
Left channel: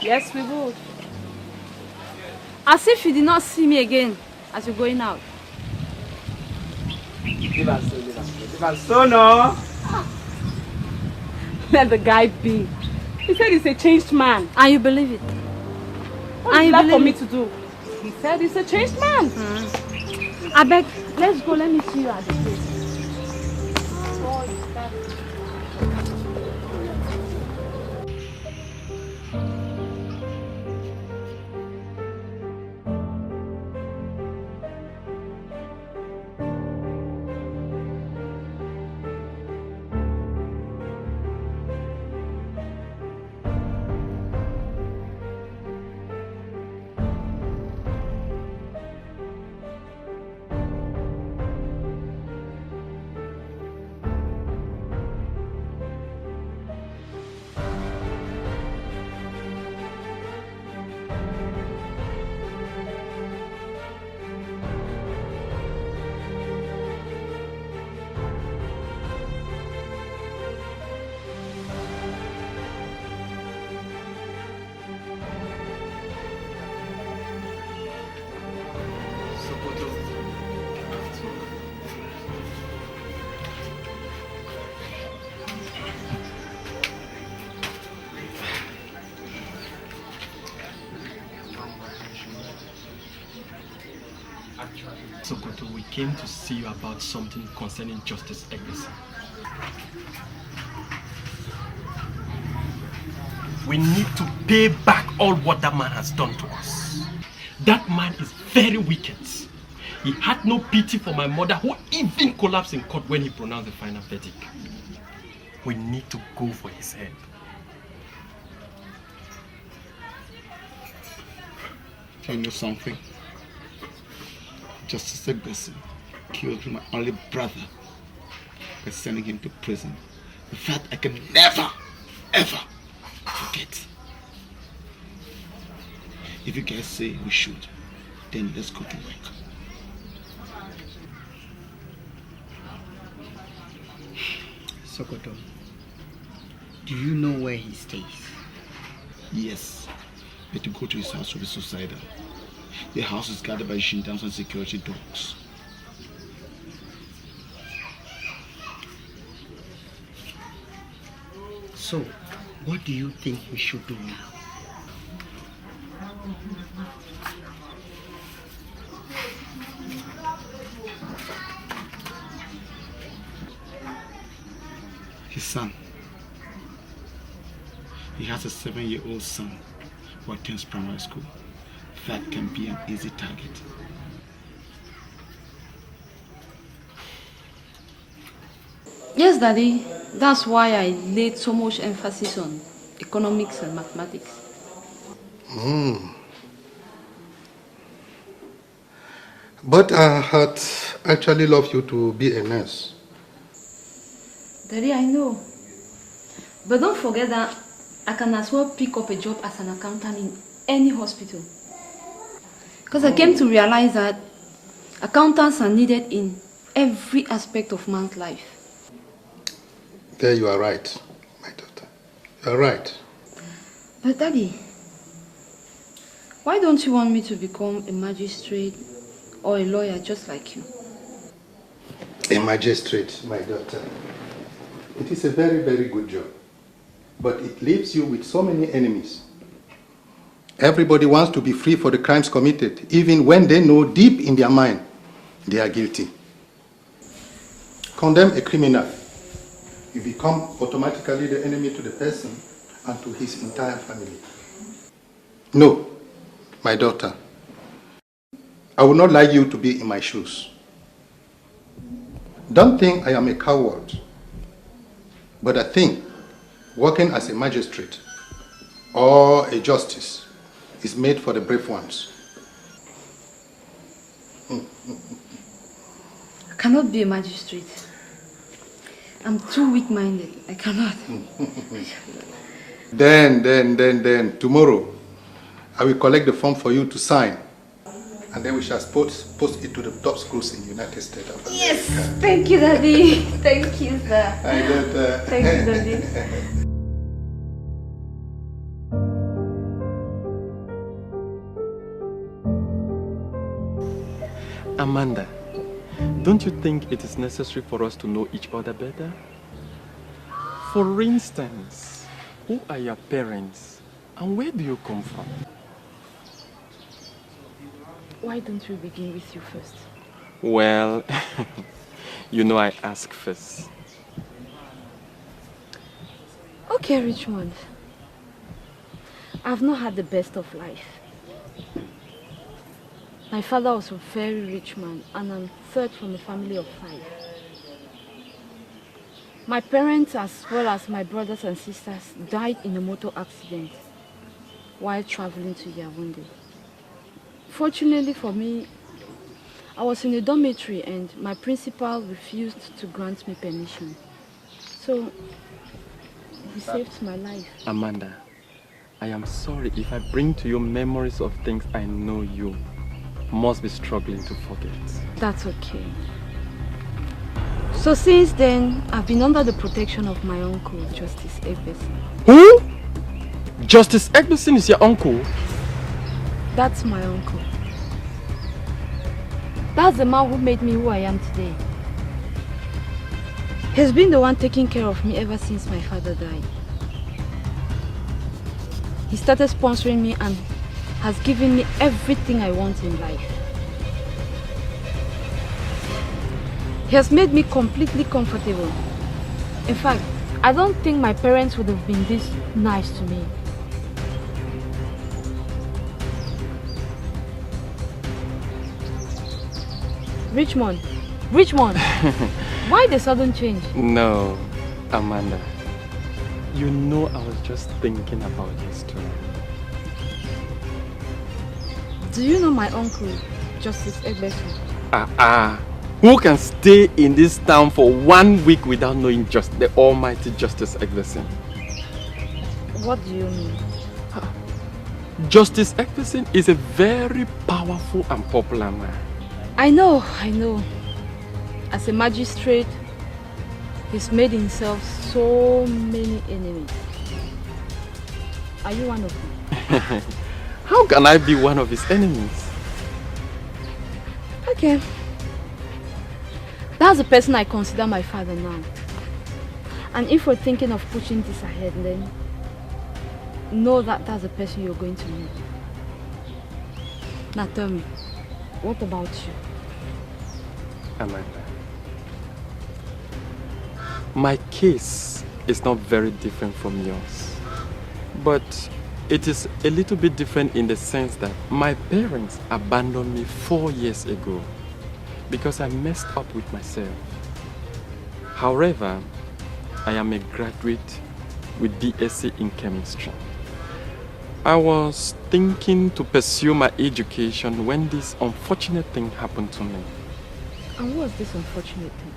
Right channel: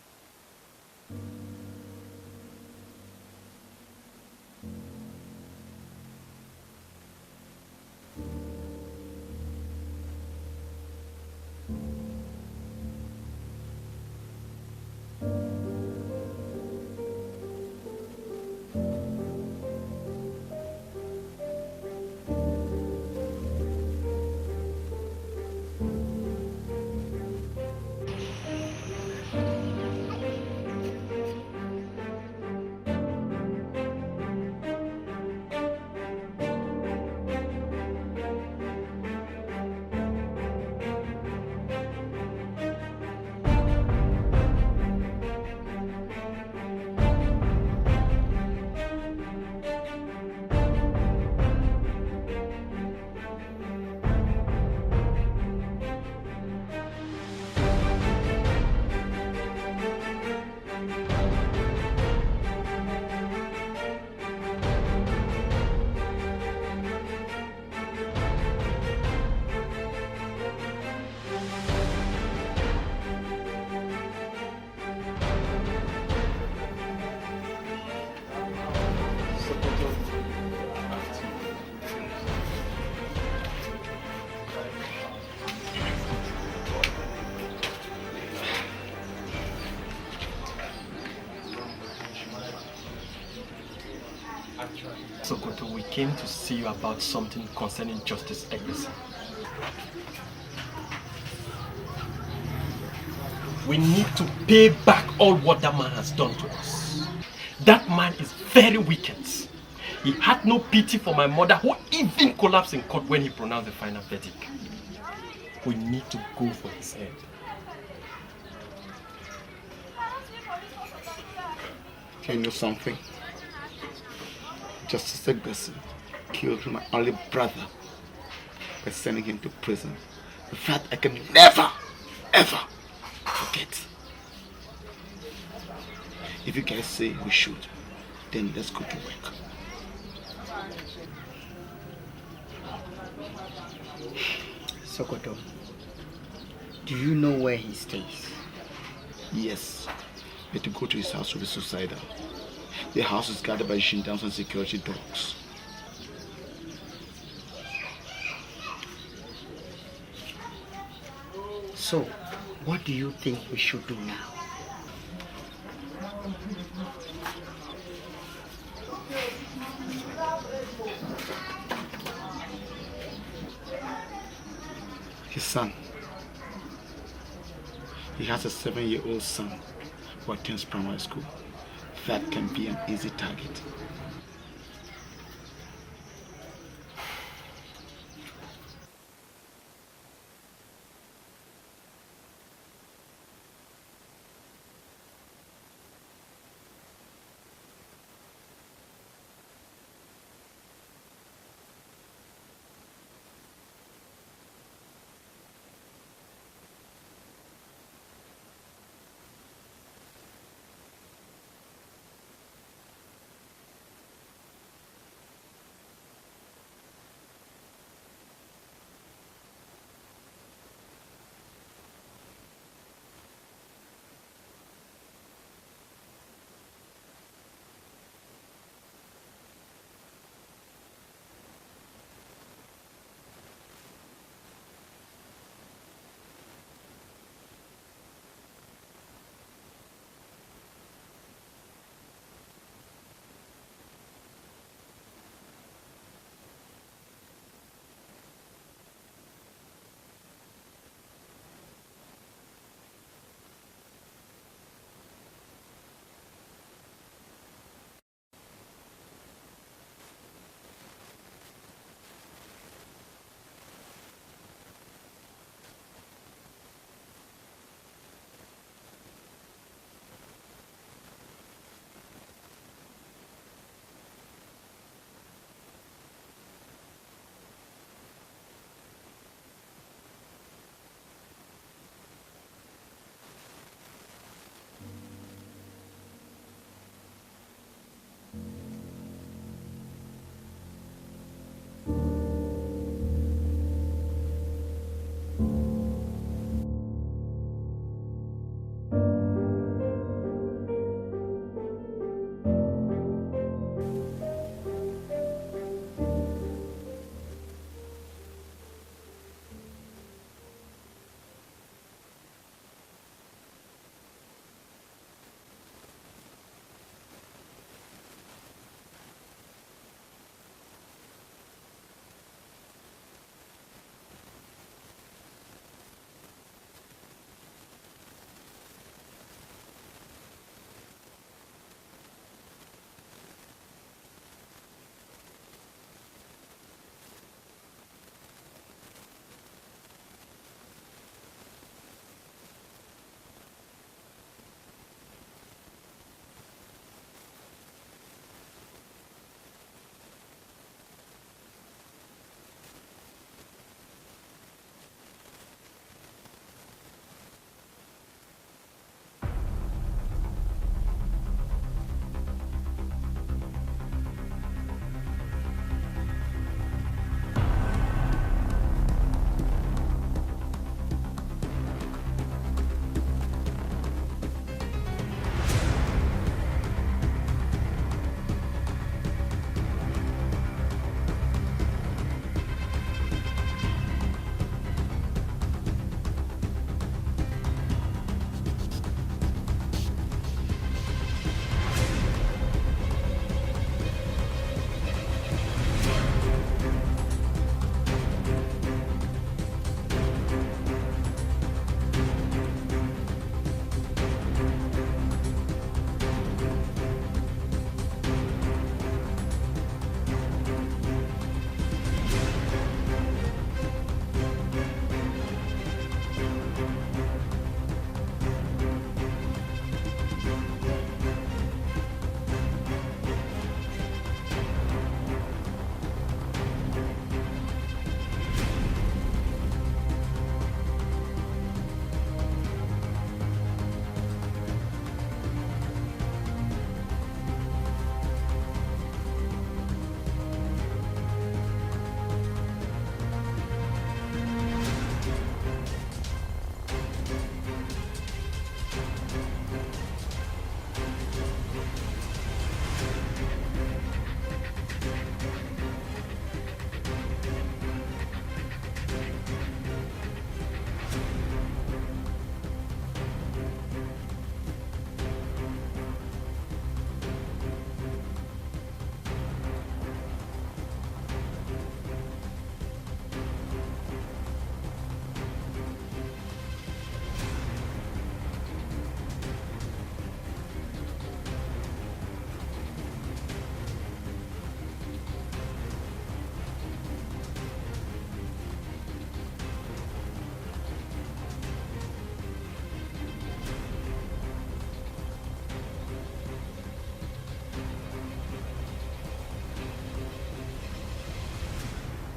Yes, we will. As if you did not see me again as you're going out. No. Let the guy be. He said he's a changed man. And you believe it? What is that for me to do? He said he's a changed man. I beg, let's go. Let me see you at the place. Sokoto, we came to see you about something concerning Justice Escalation. We need to pay back all what that man has done to us. That man is very wicked. He had no pity for my mother, who even collapsed in court when he pronounced the final verdict. We need to go for his head. Can you know something? Justice Escalation killed my only brother by sending him to prison. That I can never, ever forget. If you guys say we should, then let's go to work. Sokoto, do you know where he stays? Yes, but to go to his house will be suicidal. The house is guarded by Shintans and security dogs. So, what do you think we should do now? His son. He has a 7-year-old son who attends primary school. That can be an easy target. Yes, Daddy. That's why I laid so much emphasis on economics and mathematics. But I had actually loved you to be a nurse. Daddy, I know. But don't forget that I can as well pick up a job as an accountant in any hospital. Because I came to realize that accountants are needed in every aspect of man's life. There you are right, my daughter. You are right. But Daddy, why don't you want me to become a magistrate or a lawyer just like you? A magistrate, my daughter. It is a very, very good job. But it leaves you with so many enemies. Everybody wants to be free for the crimes committed, even when they know deep in their mind they are guilty. Condemn a criminal, you become automatically the enemy to the person and to his entire family. No, my daughter, I would not like you to be in my shoes. Don't think I am a coward, but I think working as a magistrate or a justice is made for the brave ones. I cannot be a magistrate. I'm too weak-minded. I cannot. Then, tomorrow, I will collect the form for you to sign. And then we shall post it to the top schools in the United States of America. Yes! Thank you, Daddy. Thank you, sir. Thank you, Daddy. Amanda, don't you think it is necessary for us to know each other better? For instance, who are your parents and where do you come from? Why don't we begin with you first? Well, you know I ask first. Okay, Richmond. I've not had the best of life. My father was a very rich man, and I'm third from a family of 5. My parents, as well as my brothers and sisters, died in a motor accident while traveling to Yaoundé. Fortunately for me, I was in a dormitory and my principal refused to grant me permission. So, he saved my life. Amanda, I am sorry if I bring to you memories of things I know you must be struggling to forget. That's okay. So since then, I've been under the protection of my uncle, Justice Egbesin. Who? Justice Egbesin is your uncle? That's my uncle. That's the man who made me who I am today. He's been the one taking care of me ever since my father died. He started sponsoring me and has given me everything I want in life. He has made me completely comfortable. In fact, I don't think my parents would have been this nice to me. Richmond, why the sudden change? No, Amanda. You know I was just thinking about this too. Do you know my uncle, Justice Egbesin? Who can stay in this town for 1 week without knowing just the almighty Justice Egbesin? What do you mean? Justice Egbesin is a very powerful and popular man. I know. As a magistrate, he's made himself so many enemies. Are you one of them? How can I be one of his enemies? Okay. That's the person I consider my father now. And if we're thinking of pushing this ahead, then know that that's the person you're going to meet. Now tell me, what about you? Amanda, my case is not very different from yours, but it is a little bit different in the sense that my parents abandoned me 4 years ago because I messed up with myself. However, I am a graduate with BSc in chemistry. I was thinking to pursue my education when this unfortunate thing happened to me. And what is this unfortunate thing?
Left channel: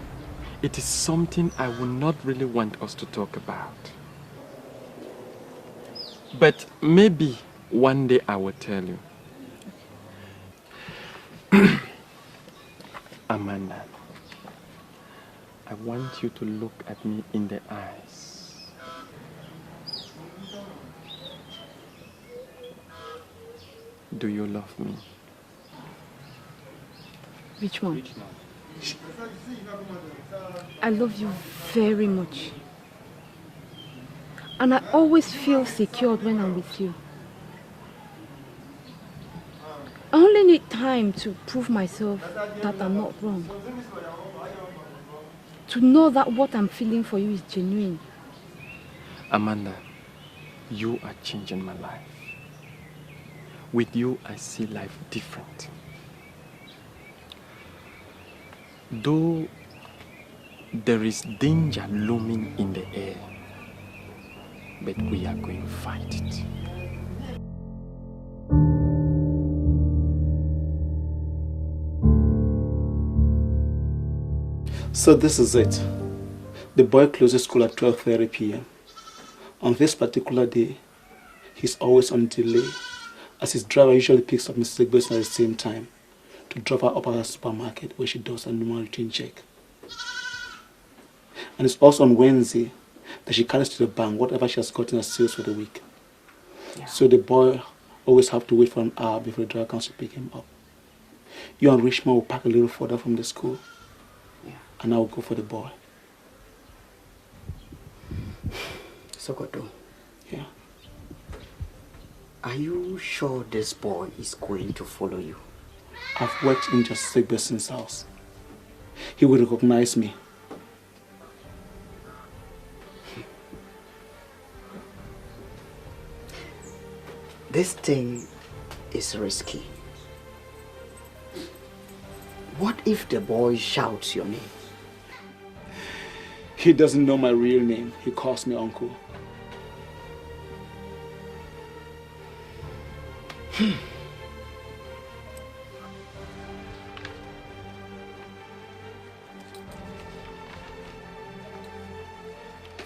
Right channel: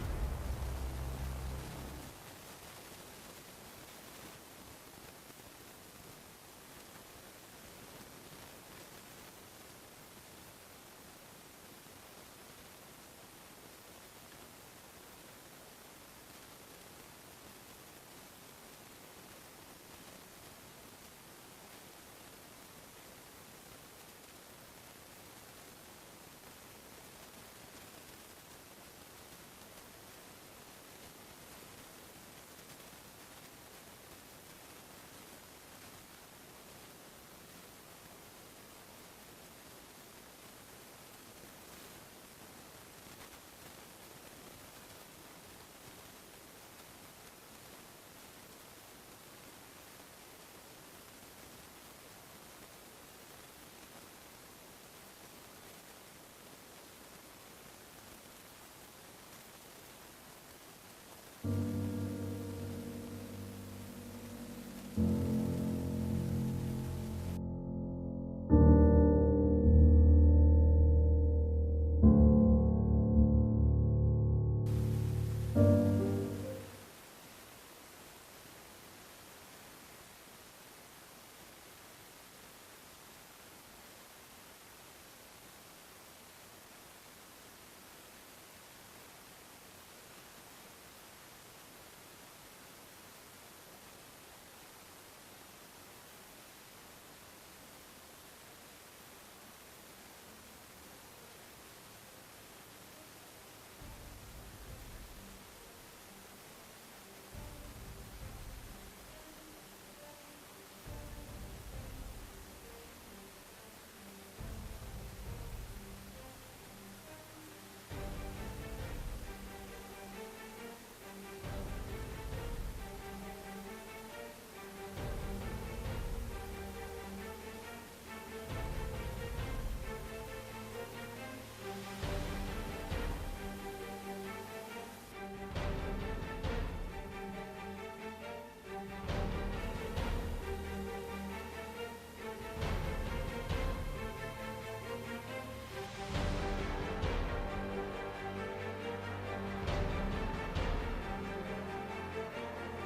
It is something I would not really want us to talk about. But maybe one day I will tell you. Amanda, I want you to look at me in the eyes. Do you love me? Richmond, I love you very much. And I always feel secure when I'm with you. I only need time to prove myself that I'm not wrong. To know that what I'm feeling for you is genuine. Amanda, you are changing my life. With you, I see life different. Though there is danger looming in the air, but we are going to fight it. So this is it. The boy closes school at 12:30 p.m. On this particular day, he's always on delay, as his driver usually picks up Mrs. Egbeson at the same time to drop her up at the supermarket where she does a normal routine check. And it's also on Wednesday that she carries to the bank whatever she has gotten as sales for the week. Yeah. So the boy always have to wait for an hour before the driver comes to pick him up. You and Richmond will park a little further from the school, and I will go for the boy. Sokoto. Yeah. Are you sure this boy is going to follow you? I've worked in Justice Egbeson's house. He will recognize me. This thing is risky. What if the boy shouts your name? He doesn't know my real name. He calls me uncle.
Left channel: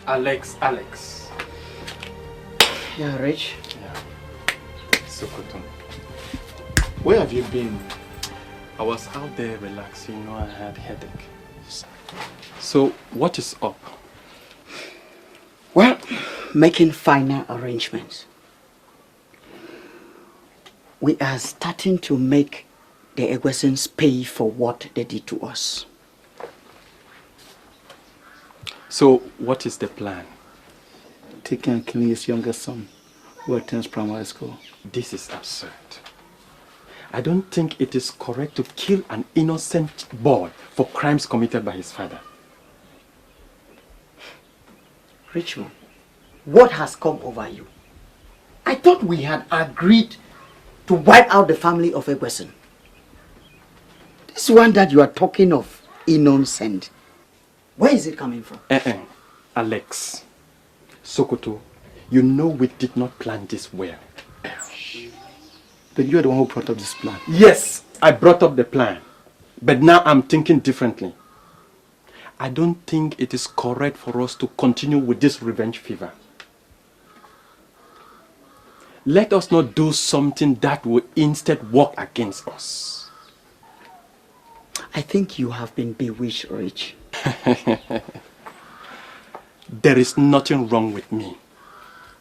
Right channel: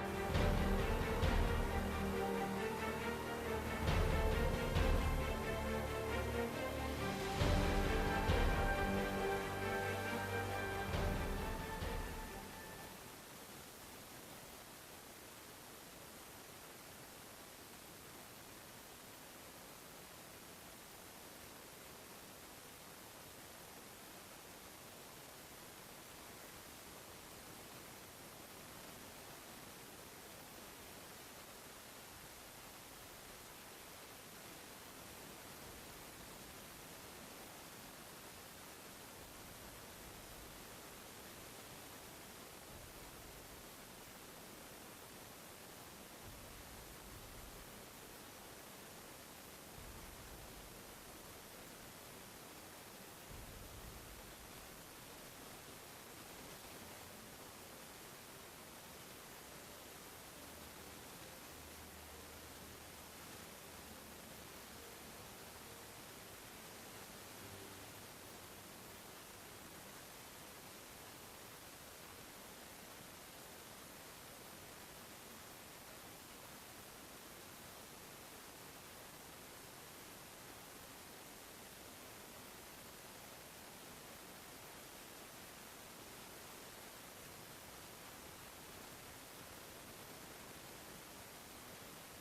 Alex. Yeah, Rich. Sokoto. Where have you been? I was out there relaxing, I had a headache. So, what is up? Well, making final arrangements. We are starting to make the Egwesons pay for what they did to us. So, what is the plan? Taking and killing his youngest son, who attends primary school. This is absurd. I don't think it is correct to kill an innocent boy for crimes committed by his father. Richmond, what has come over you? I thought we had agreed to wipe out the family of Egweson. This one that you are talking of, innocent, where is it coming from? Alex, Sokoto, you know we did not plan this well. Then you are the one who brought up this plan. Yes, I brought up the plan. But now I'm thinking differently. I don't think it is correct for us to continue with this revenge fever. Let us not do something that will instead work against us. I think you have been bewitched, Rich. There is nothing wrong with me.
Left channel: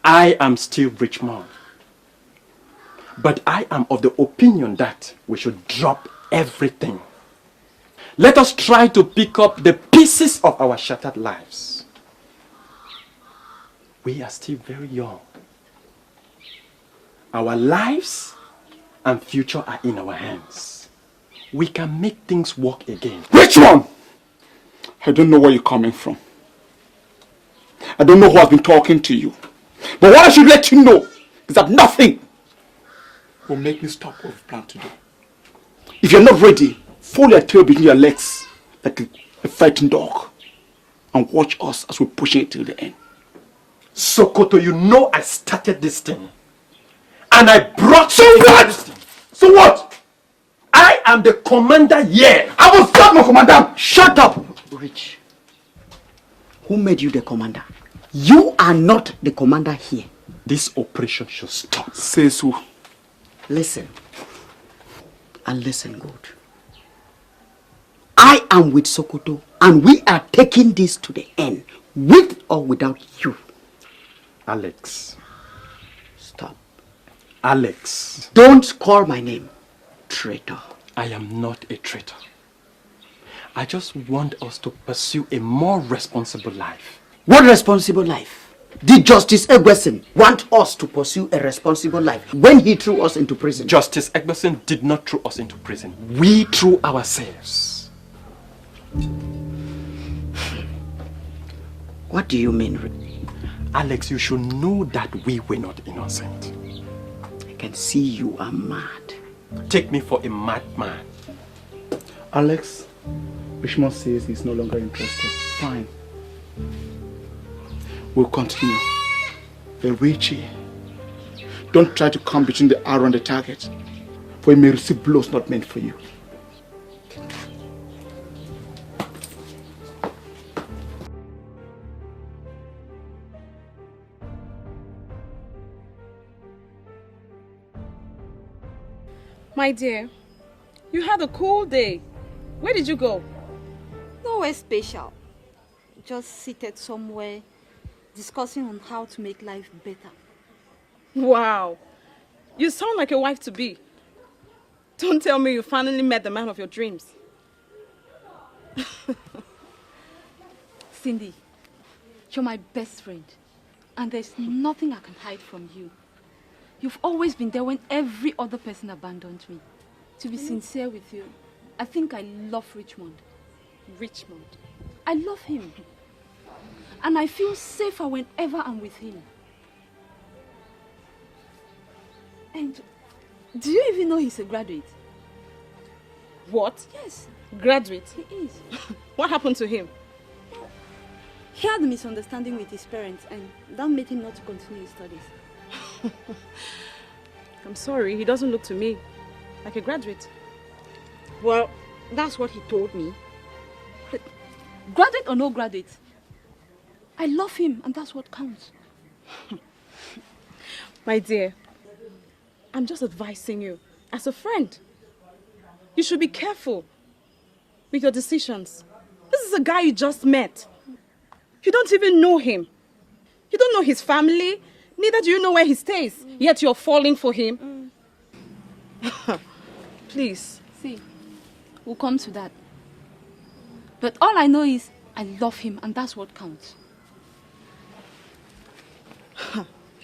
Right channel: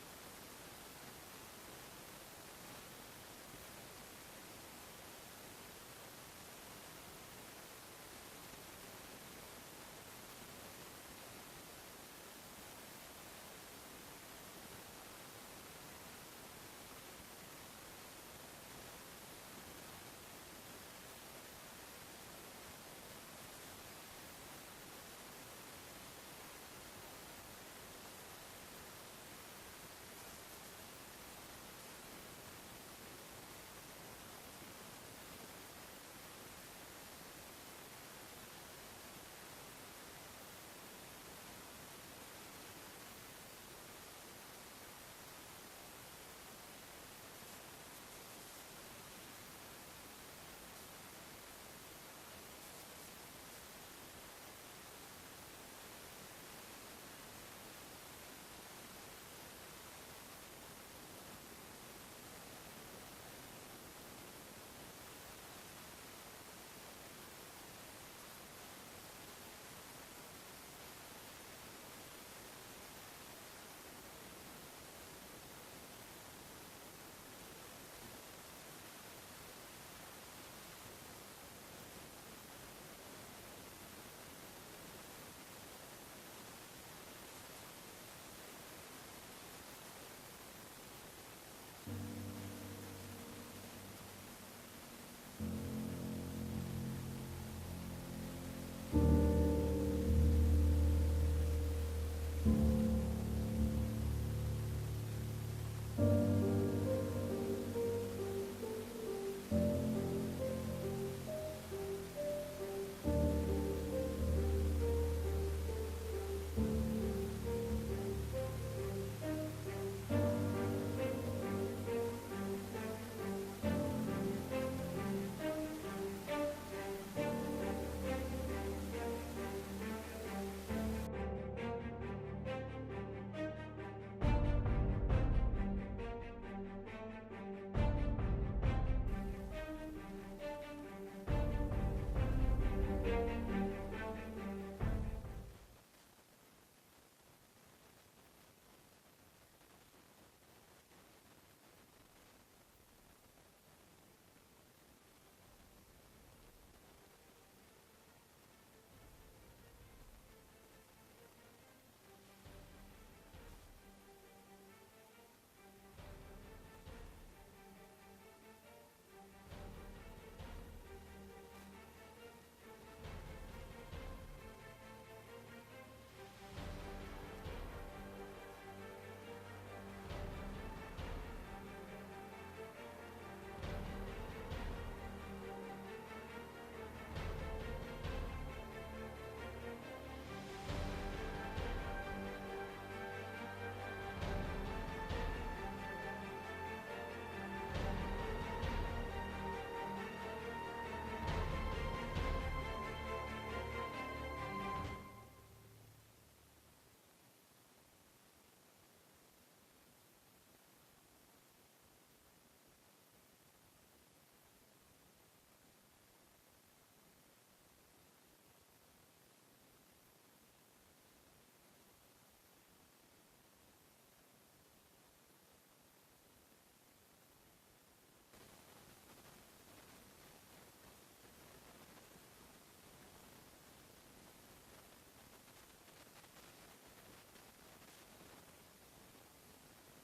I am still Richmond. But I am of the opinion that we should drop everything. Let us try to pick up the pieces of our shattered lives. We are still very young. Our lives and future are in our hands. We can make things work again. Richmond! I don't know where you're coming from. I don't know who has been talking to you. But what I should let you know is that nothing will make me stop what we've planned to do. If you're not ready, fold your tail between your legs like a fighting dog and watch us as we push it till the end. Sokoto, you know I started this thing. And I brought So what? So what? I am the commander here. I will stop my commander. Shut up, Rich. Who made you the commander? You are not the commander here. This operation should stop. Say so. Listen. And listen good. I am with Sokoto and we are taking this to the end. With or without you. Alex. Stop. Alex. Don't call my name. Traitor. I am not a traitor. I just want us to pursue a more responsible life. What responsible life? Did Justice Egbeson want us to pursue a responsible life when he threw us into prison? Justice Egbeson did not throw us into prison. We threw ourselves. What do you mean? Alex, you should know that we were not innocent. I can see you are mad. Take me for a madman. Alex, Richmond says he's no longer interested. Fine. We'll continue. But Richie, don't try to come between the arrow and the target, for you may receive blows not meant for you. My dear, you had a cool day. Where did you go? Nowhere special. Just seated somewhere, discussing on how to make life better. Wow. You sound like a wife-to-be. Don't tell me you finally met the man of your dreams. Cindy, you're my best friend, and there's nothing I can hide from you. You've always been there when every other person abandoned me. To be sincere with you, I think I love Richmond. Richmond. I love him. And I feel safer whenever I'm with him. And do you even know he's a graduate? What? Yes. Graduate? He is. What happened to him? He had a misunderstanding with his parents, and that made him not to continue his studies. I'm sorry, he doesn't look to me like a graduate. Well, that's what he told me. But graduate or no graduate, I love him, and that's what counts. My dear, I'm just advising you as a friend. You should be careful with your decisions. This is a guy you just met. You don't even know him. You don't know his family. Neither do you know where he stays. Yet you're falling for him. Please. See, we'll come to that. But all I know is I love him, and that's what counts.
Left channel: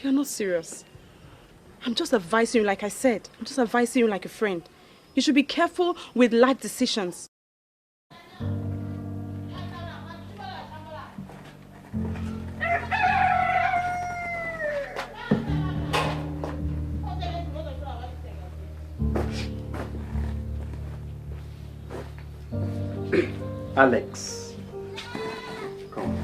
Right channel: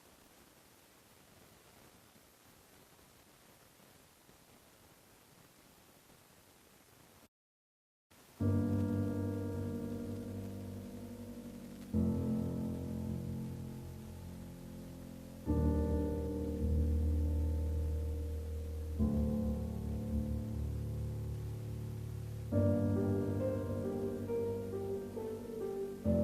You're not serious. I'm just advising you, like I said. I'm just advising you like a friend. You should be careful with life decisions. Alex, come.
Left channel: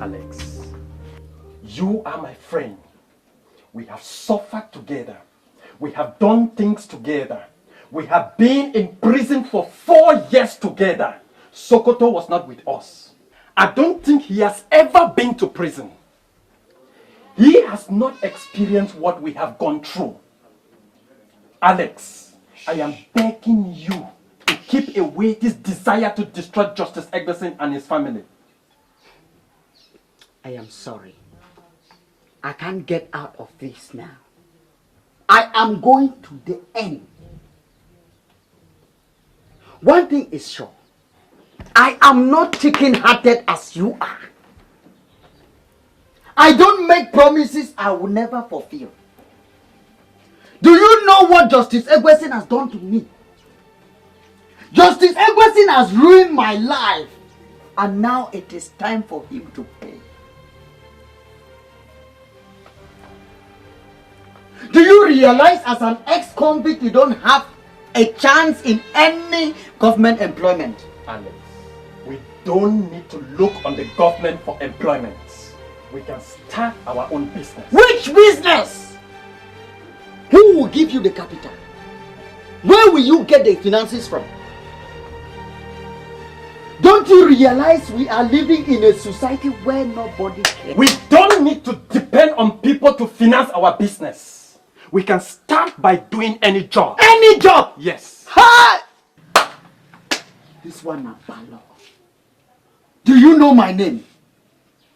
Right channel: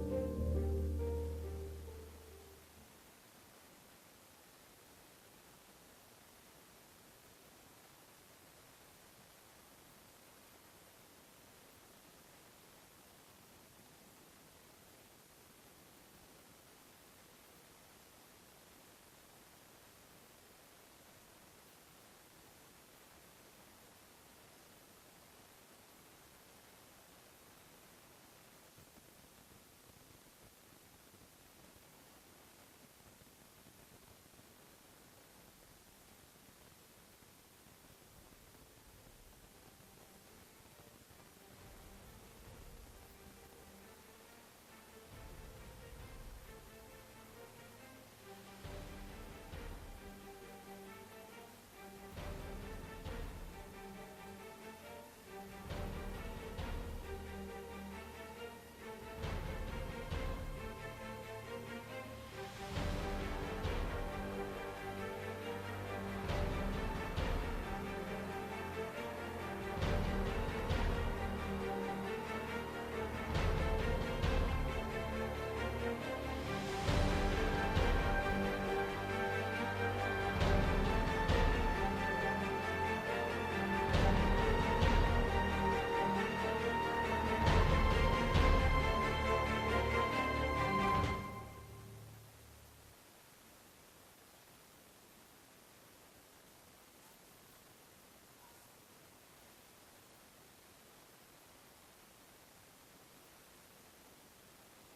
Alex, you are my friend. We have suffered together. We have done things together. We have been in prison for 4 years together. Sokoto was not with us. I don't think he has ever been to prison. He has not experienced what we have gone through. Alex, I am begging you to keep away this desire to destroy Justice Eggleston and his family. I am sorry. I can't get out of this now. I am going to the end. One thing is sure. I am not chicken-hearted as you are. I don't make promises I will never fulfill. Do you know what Justice Eggleston has done to me? Justice Eggleston has ruined my life. And now it is time for him to pay. Do you realize as an ex-convict you don't have a chance in any government employment? Alex, we don't need to look on the government for employment. We can start our own business. Which business? Who will give you the capital? Where will you get the finances from? Don't you realize we are living in a society where nobody cares? We don't need to depend on people to finance our business. We can start by doing any job. Any job? Yes. Ha! This one is Balo. Do you know my name?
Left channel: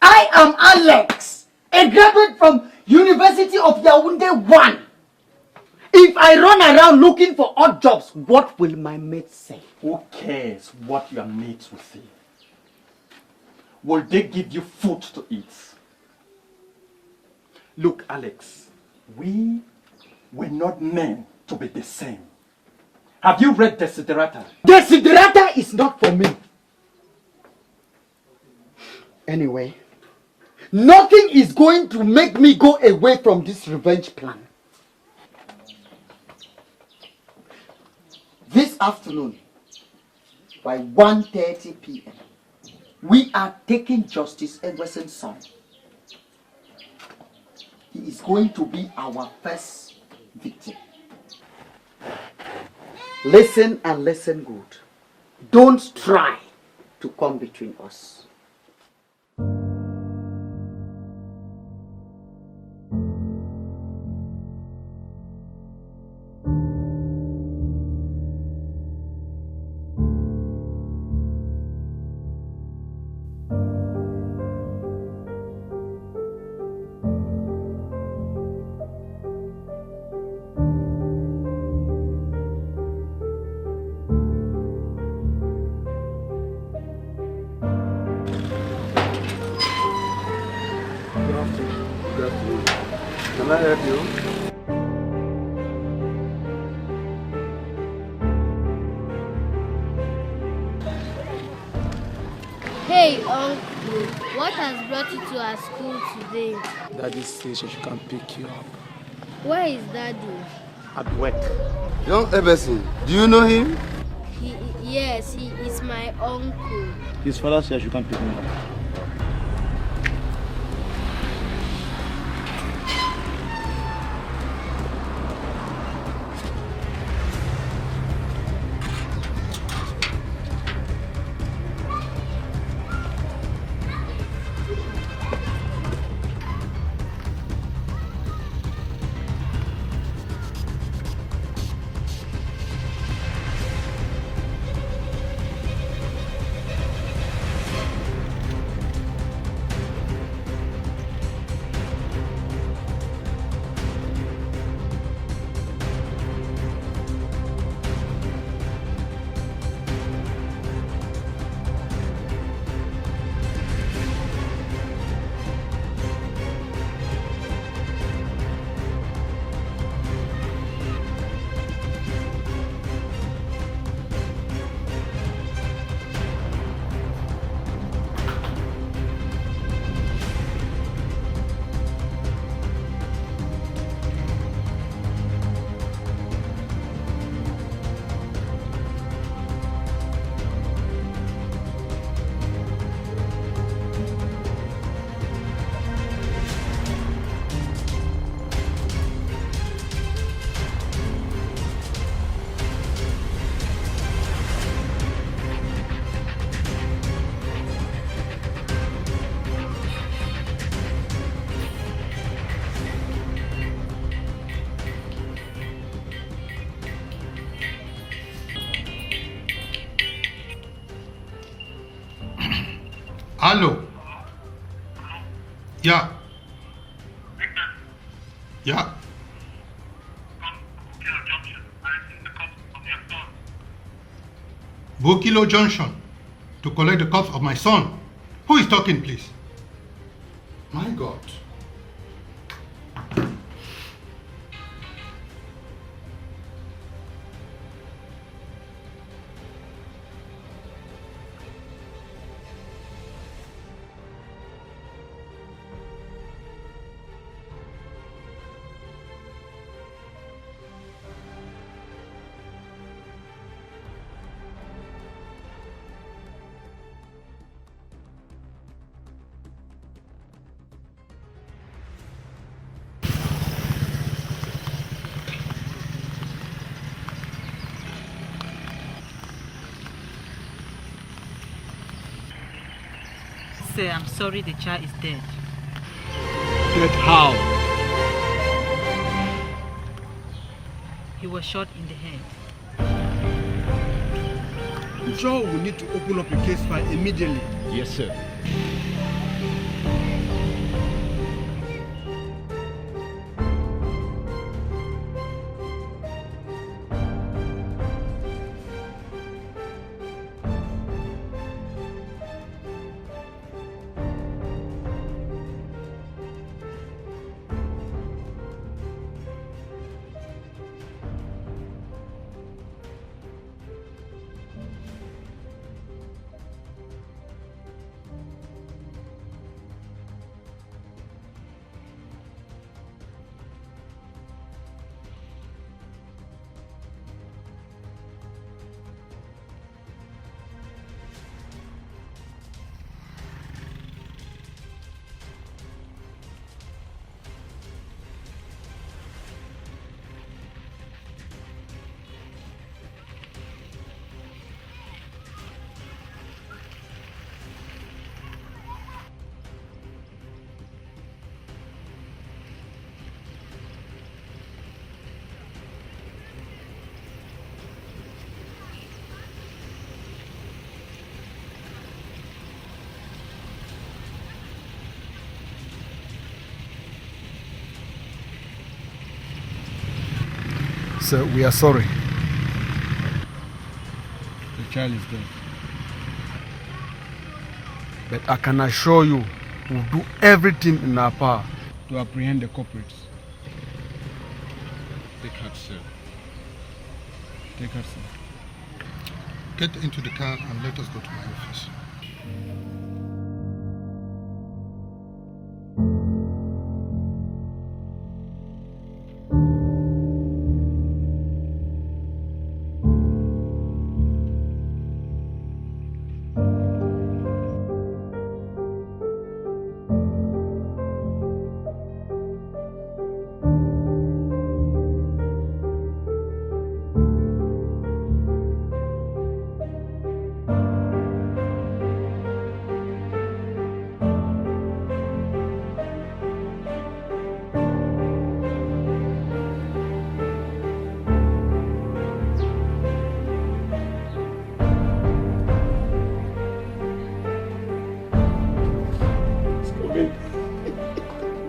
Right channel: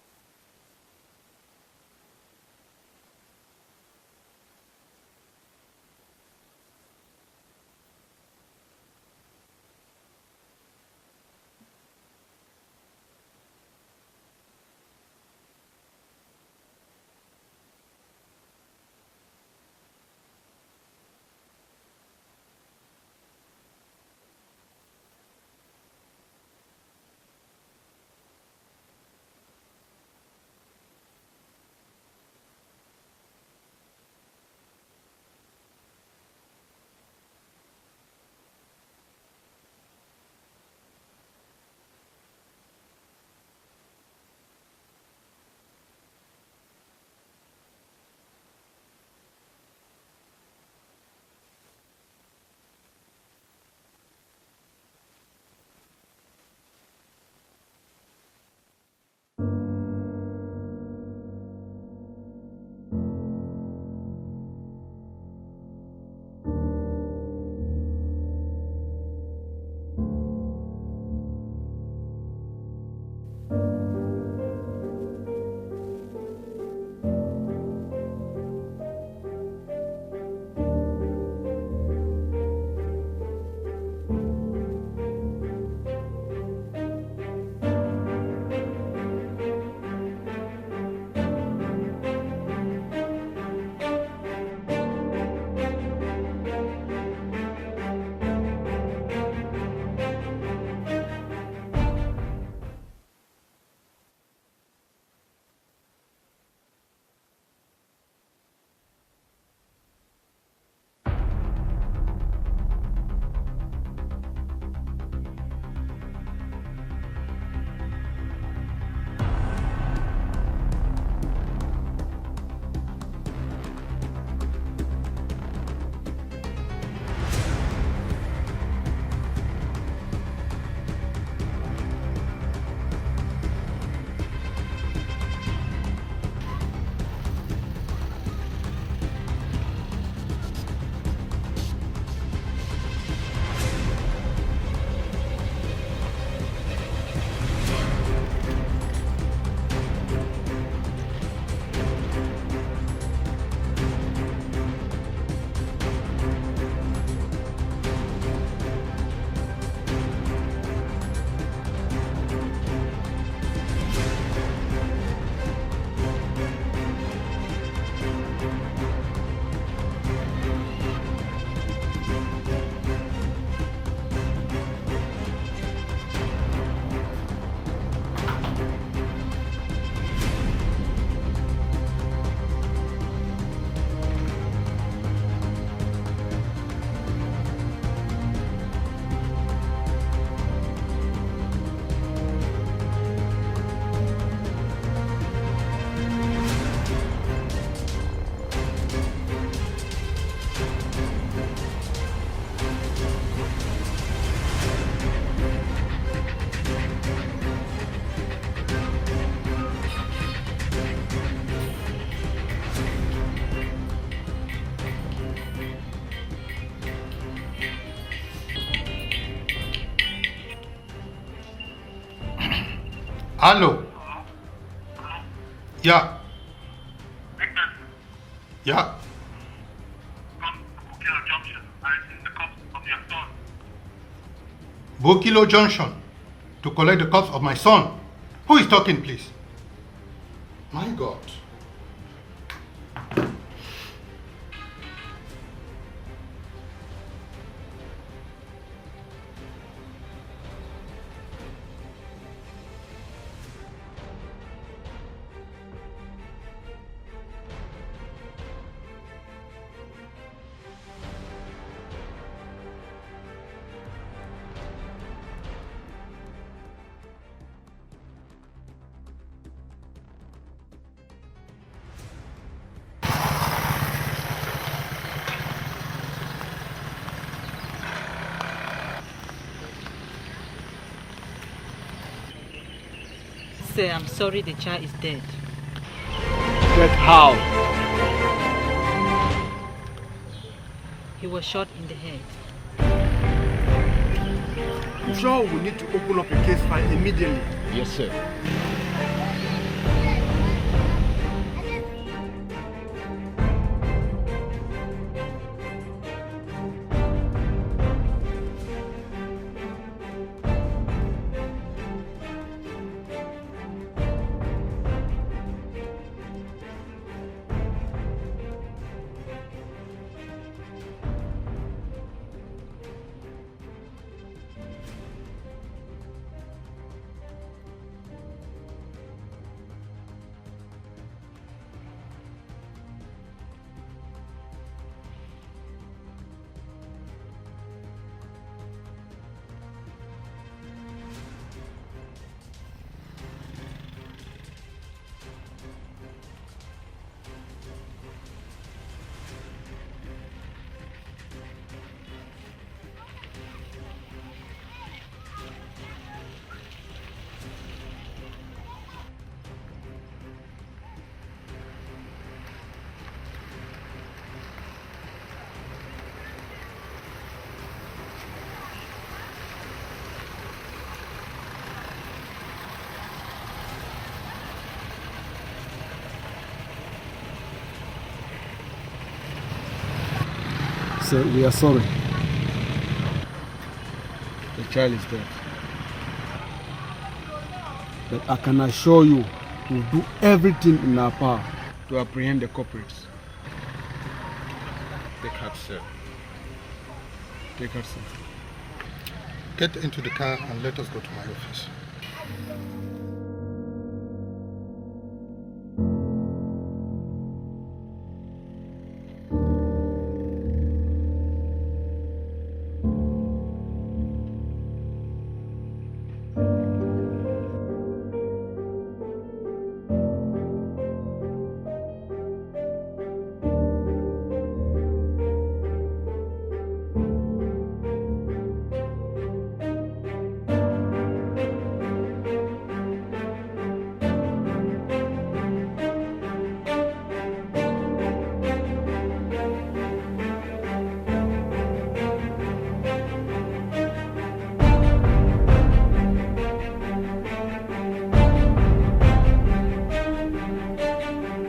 I am Alex, a graduate from University of Yaoundé 1. If I run around looking for odd jobs, what will my mates say? Who cares what your mates will say? Will they give you food to eat? Look, Alex, we were not meant to be the same. Have you read Desiderata? Desiderata is not for me. Anyway, nothing is going to make me go away from this revenge plan. This afternoon, by 1:30 p.m., We are taking Justice Edwardson's son. He is going to be our first victim. Listen and listen good. Don't try to come between us. Can I help you? Hey, Uncle, what has brought you to our school today? Daddy says she can pick you up. Where is Daddy? At work. Young Everson, do you know him? Yes, he is my uncle. His father says you can pick him up. Hello. Yeah. Yeah. Bokilo Junction to collect the corpse of my son. Who is talking, please? My God. Sir, I'm sorry the child is dead. Dead how? He was shot in the head. Joe will need to open up a case file immediately. Yes, sir. sir, we are sorry. The child is dead. But I can assure you, we'll do everything in our power to apprehend the culprits. Take heart, sir. Take heart, sir. Get into the car and let us go to my office.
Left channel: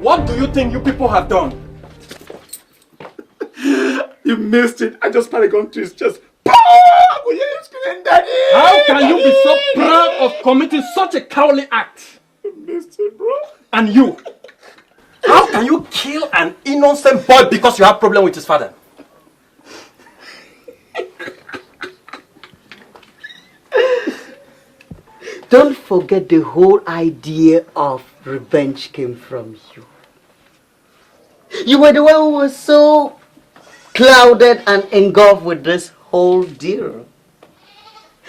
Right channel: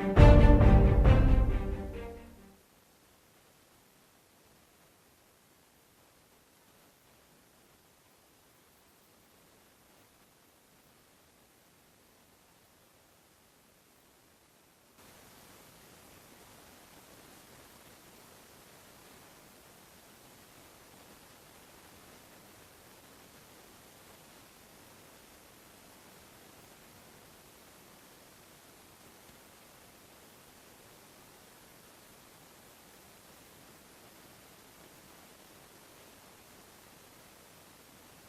What do you think you people have done? You missed it. I just started going to his chest. How can you be so proud of committing such a cowardly act? You missed it, bro. And you? How can you kill an innocent boy because you have problem with his father? Don't forget the whole idea of revenge came from you. You were the one who was so clouded and engulfed with this whole deal.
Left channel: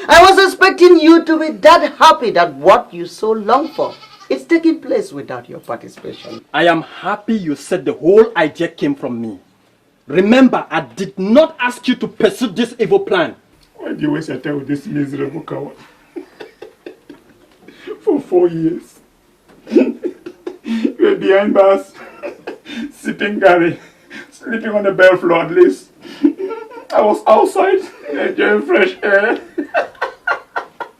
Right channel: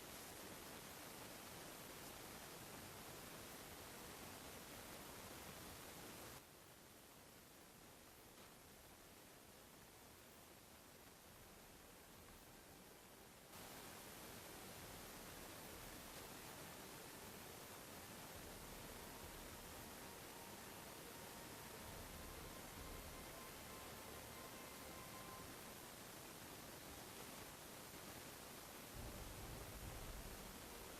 I was expecting you to be that happy that what you so long for is taking place without your participation. I am happy you said the whole idea came from me. Remember, I did not ask you to pursue this evil plan. Why do you waste your time with this miserable coward? For 4 years. You were behind bars, sipping Gary, sleeping on the bare floor at least. I was outside, enjoying fresh air.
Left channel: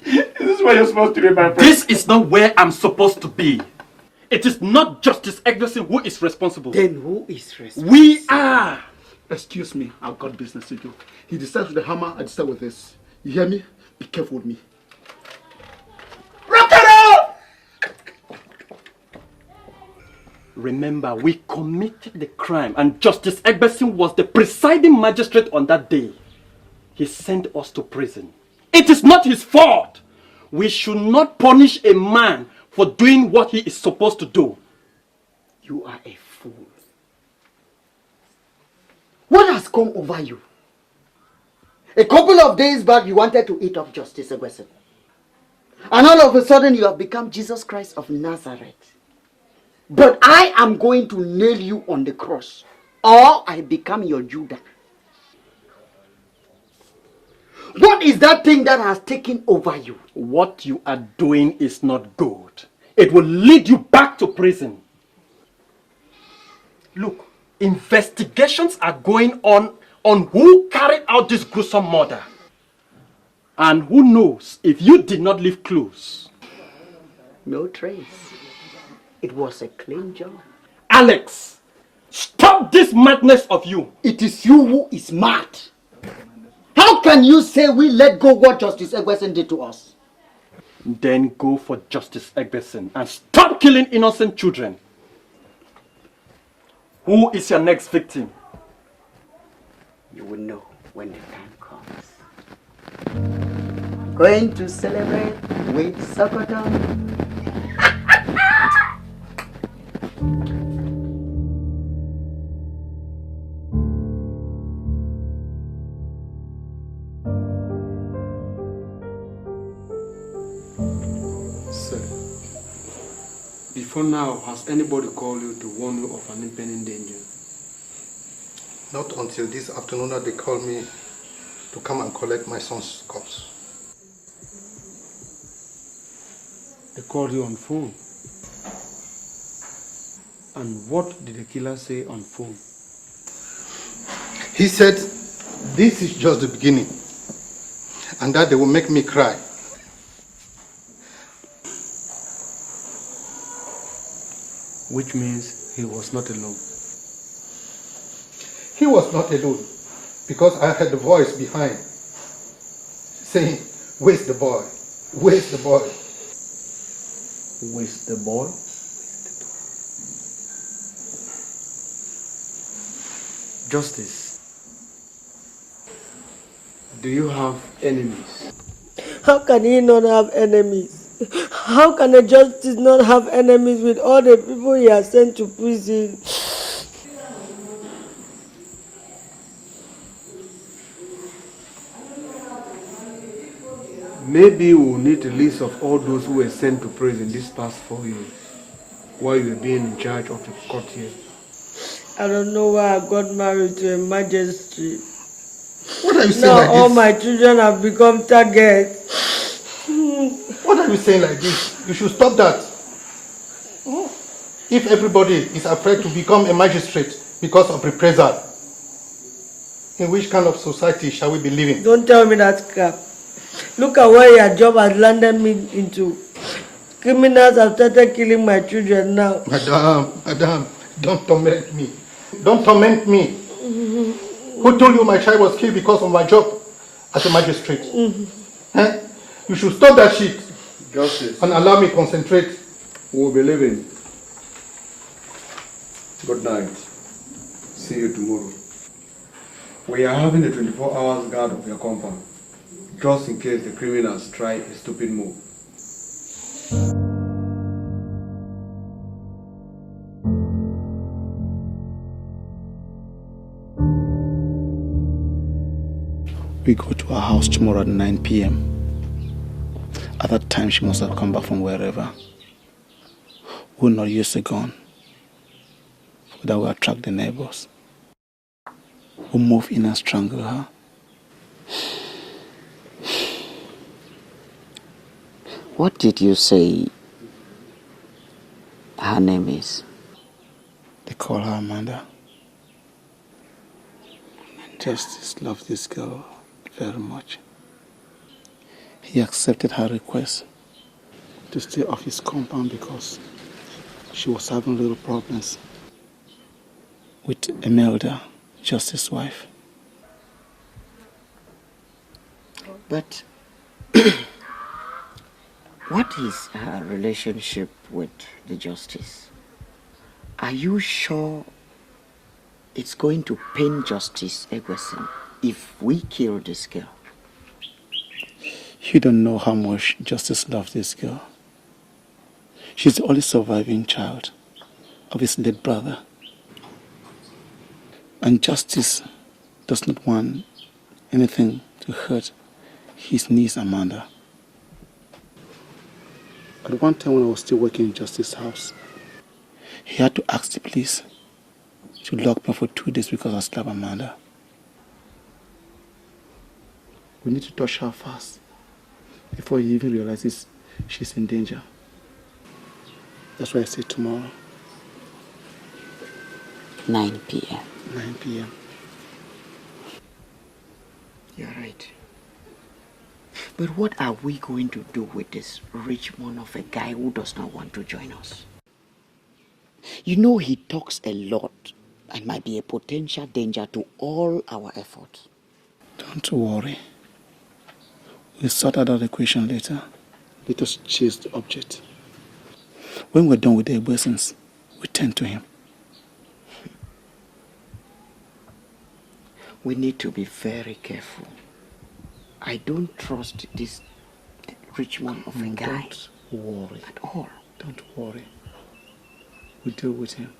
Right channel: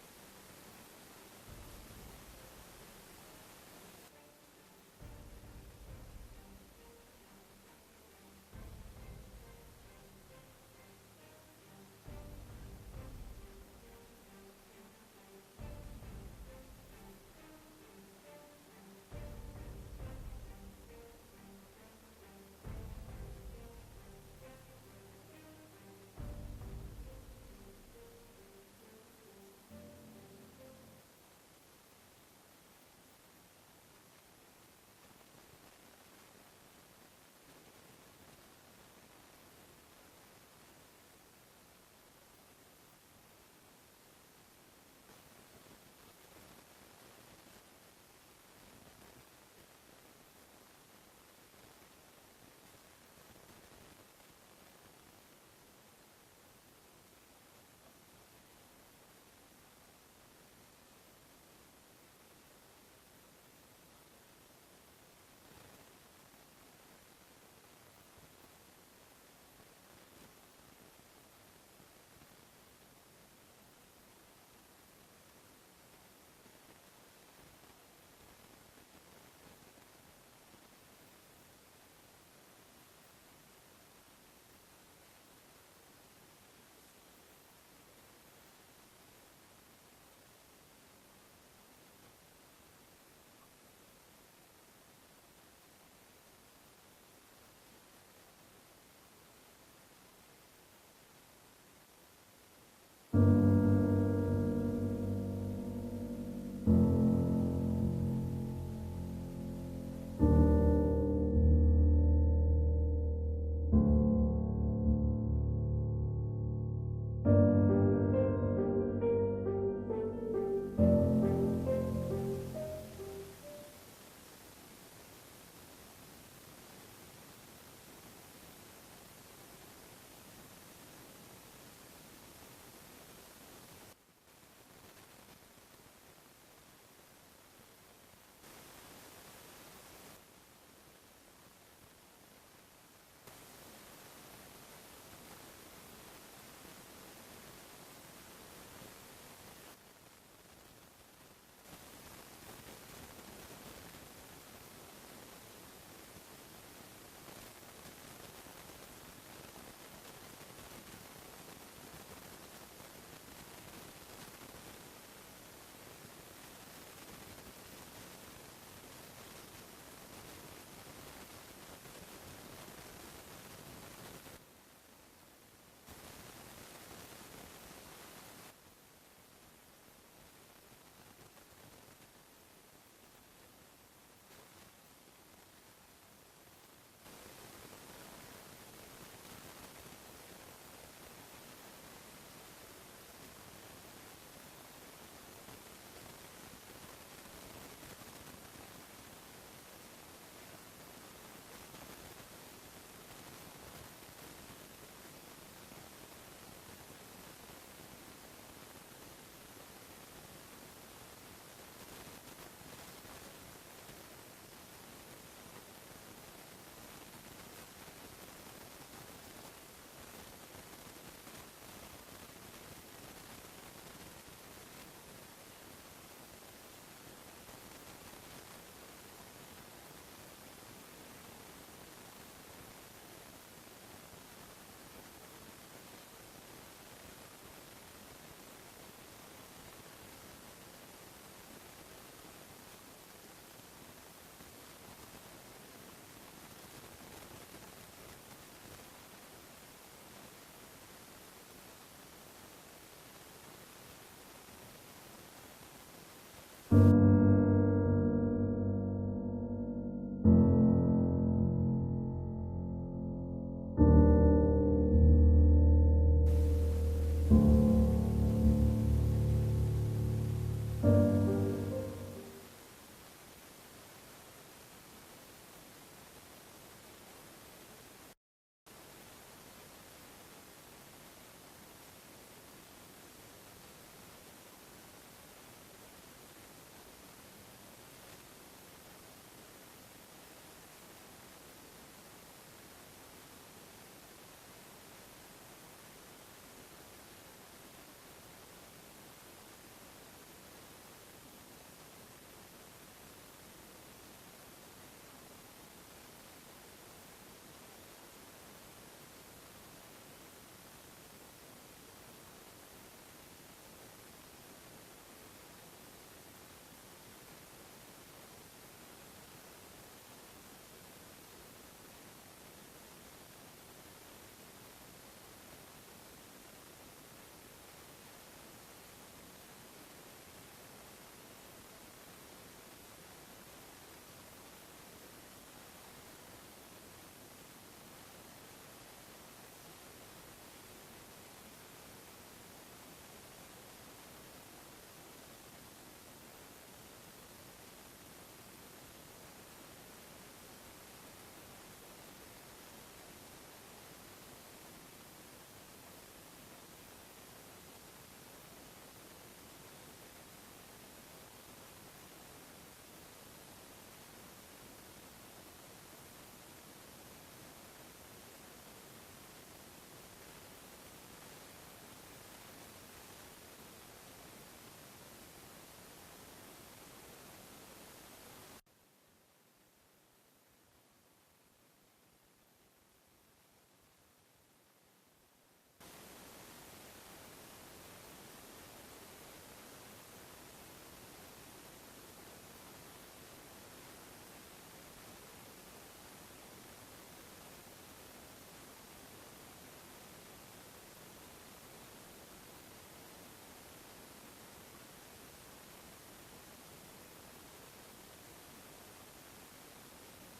This is where you're supposed to be, my friend. This is not where I'm supposed to be. It is not Justice Eggleston who is responsible. Then who is responsible? We are. Excuse me, I've got business to do. He decides with the hammer, I decide with this. You hear me? Be careful with me. Remember, we committed the crime and Justice Eggleston was the presiding magistrate on that day. He sent us to prison. It is not his fault. We should not punish a man for doing what he is supposed to do. You are a fool. What has come over you? A couple of days back, you wanted to eat up Justice Eggleston. And all of a sudden, you have become Jesus Christ of Nazareth. But I am going to nail you on the cross, or I become your Judah. What is that thing that has taken over you? What you are doing is not good. It will lead you back to prison. Look, investigations are going on who carried out this gruesome murder. And who knows if you did not leave clues. No trace. It was a clean job. Alex, stop this madness of you. It is you who is mad. How can you say we let go what Justice Eggleston did to us? Then go for Justice Eggleston and stop killing innocent children. Who is your next victim? You will know when the time comes. Going to celebrate with Sokoto? Before now, has anybody called you to warn you of an impending danger? Not until this afternoon that they called me to come and collect my son's corpse. They called you on phone. And what did the killer say on phone? He said, this is just the beginning, and that they will make me cry. Which means he was not alone. He was not alone. because I heard the voice behind saying, "Where's the boy? Where's the boy?" Where's the boy? Justice, do you have enemies? How can he not have enemies? How can a justice not have enemies with all the people he has sent to prison? Maybe we'll need a list of all those who were sent to prison these past 4 years while you were being in charge of the court here. I don't know why I got married to a magistrate. What are you saying now like all this? my children have become targets. What are you saying like this? You should stop that. If everybody is afraid to become a magistrate because of reprisal, in which kind of society shall we be living? Don't tell me that crap. Look at where your job has landed me into. Criminals have started killing my children now. Madam, don't torment me. Don't torment me. Who told you my child was killed because of my job as a magistrate? Eh? You should stop that shit. Justice. And allow me concentrate. We'll be leaving. Good night. See you tomorrow. We are having a 24 hours guard of your compound, just in case the criminals try a stupid move. We go to her house tomorrow at 9 p.m. At that time, she must have come back from wherever. We'll not use a gun. That will attract the neighbors. We'll move in and strangle her. What did you say her name is? They call her Amanda. Justice loved this girl very much. He accepted her request to stay off his compound because she was having little problems with Imelda, Justice's wife. But what is her relationship with the justice? Are you sure it's going to pain Justice Egwuson if we kill this girl? You don't know how much Justice loves this girl. She's the only surviving child of his late brother. And Justice does not want anything to hurt his niece Amanda. At one time when I was still working in Justice's house, he had to ask the police to lock me for 2 days because I slapped Amanda. We need to touch her fast before he even realizes she's in danger. That's why I say tomorrow. 9 p.m. 9 p.m. You're right. But what are we going to do with this Richmond of a guy who does not want to join us? You know he talks a lot and might be a potential danger to all our efforts. Don't worry. We'll sort out that equation later. Let us chase the object. When we're done with the blessings, we tend to him. We need to be very careful. I don't trust this Richmond of a guy. Don't worry. At all. Don't worry. We'll deal with him.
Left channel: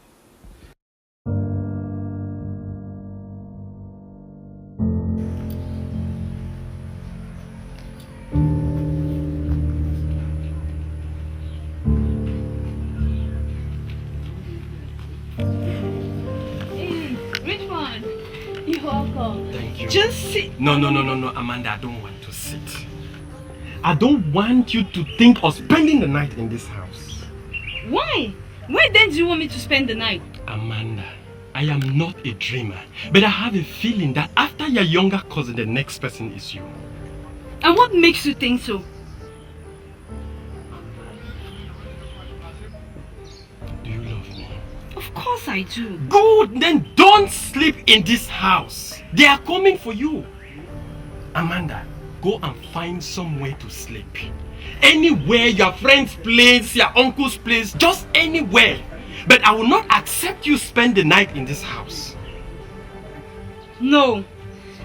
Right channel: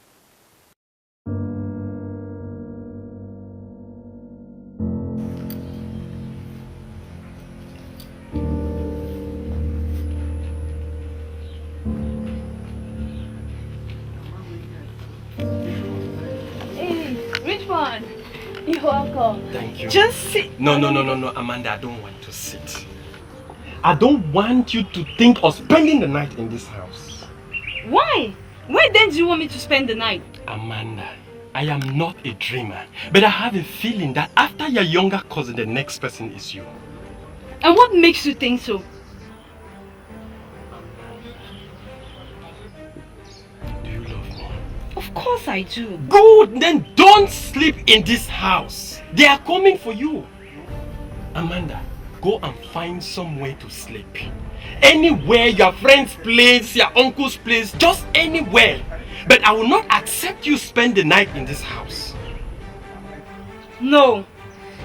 Hey, Richmond. You're welcome. Thank you. Just sit. No, Amanda, I don't want to sit. I don't want you to think of spending the night in this house. Why? Where then do you want me to spend the night? Amanda, I am not a dreamer, but I have a feeling that after your younger cousin, the next person is you. And what makes you think so? Do you love me? Of course I do. Good, then don't sleep in this house. They are coming for you. Amanda, go and find somewhere to sleep. Anywhere, your friend's place, your uncle's place, just anywhere. But I will not accept you spend the night in this house. No.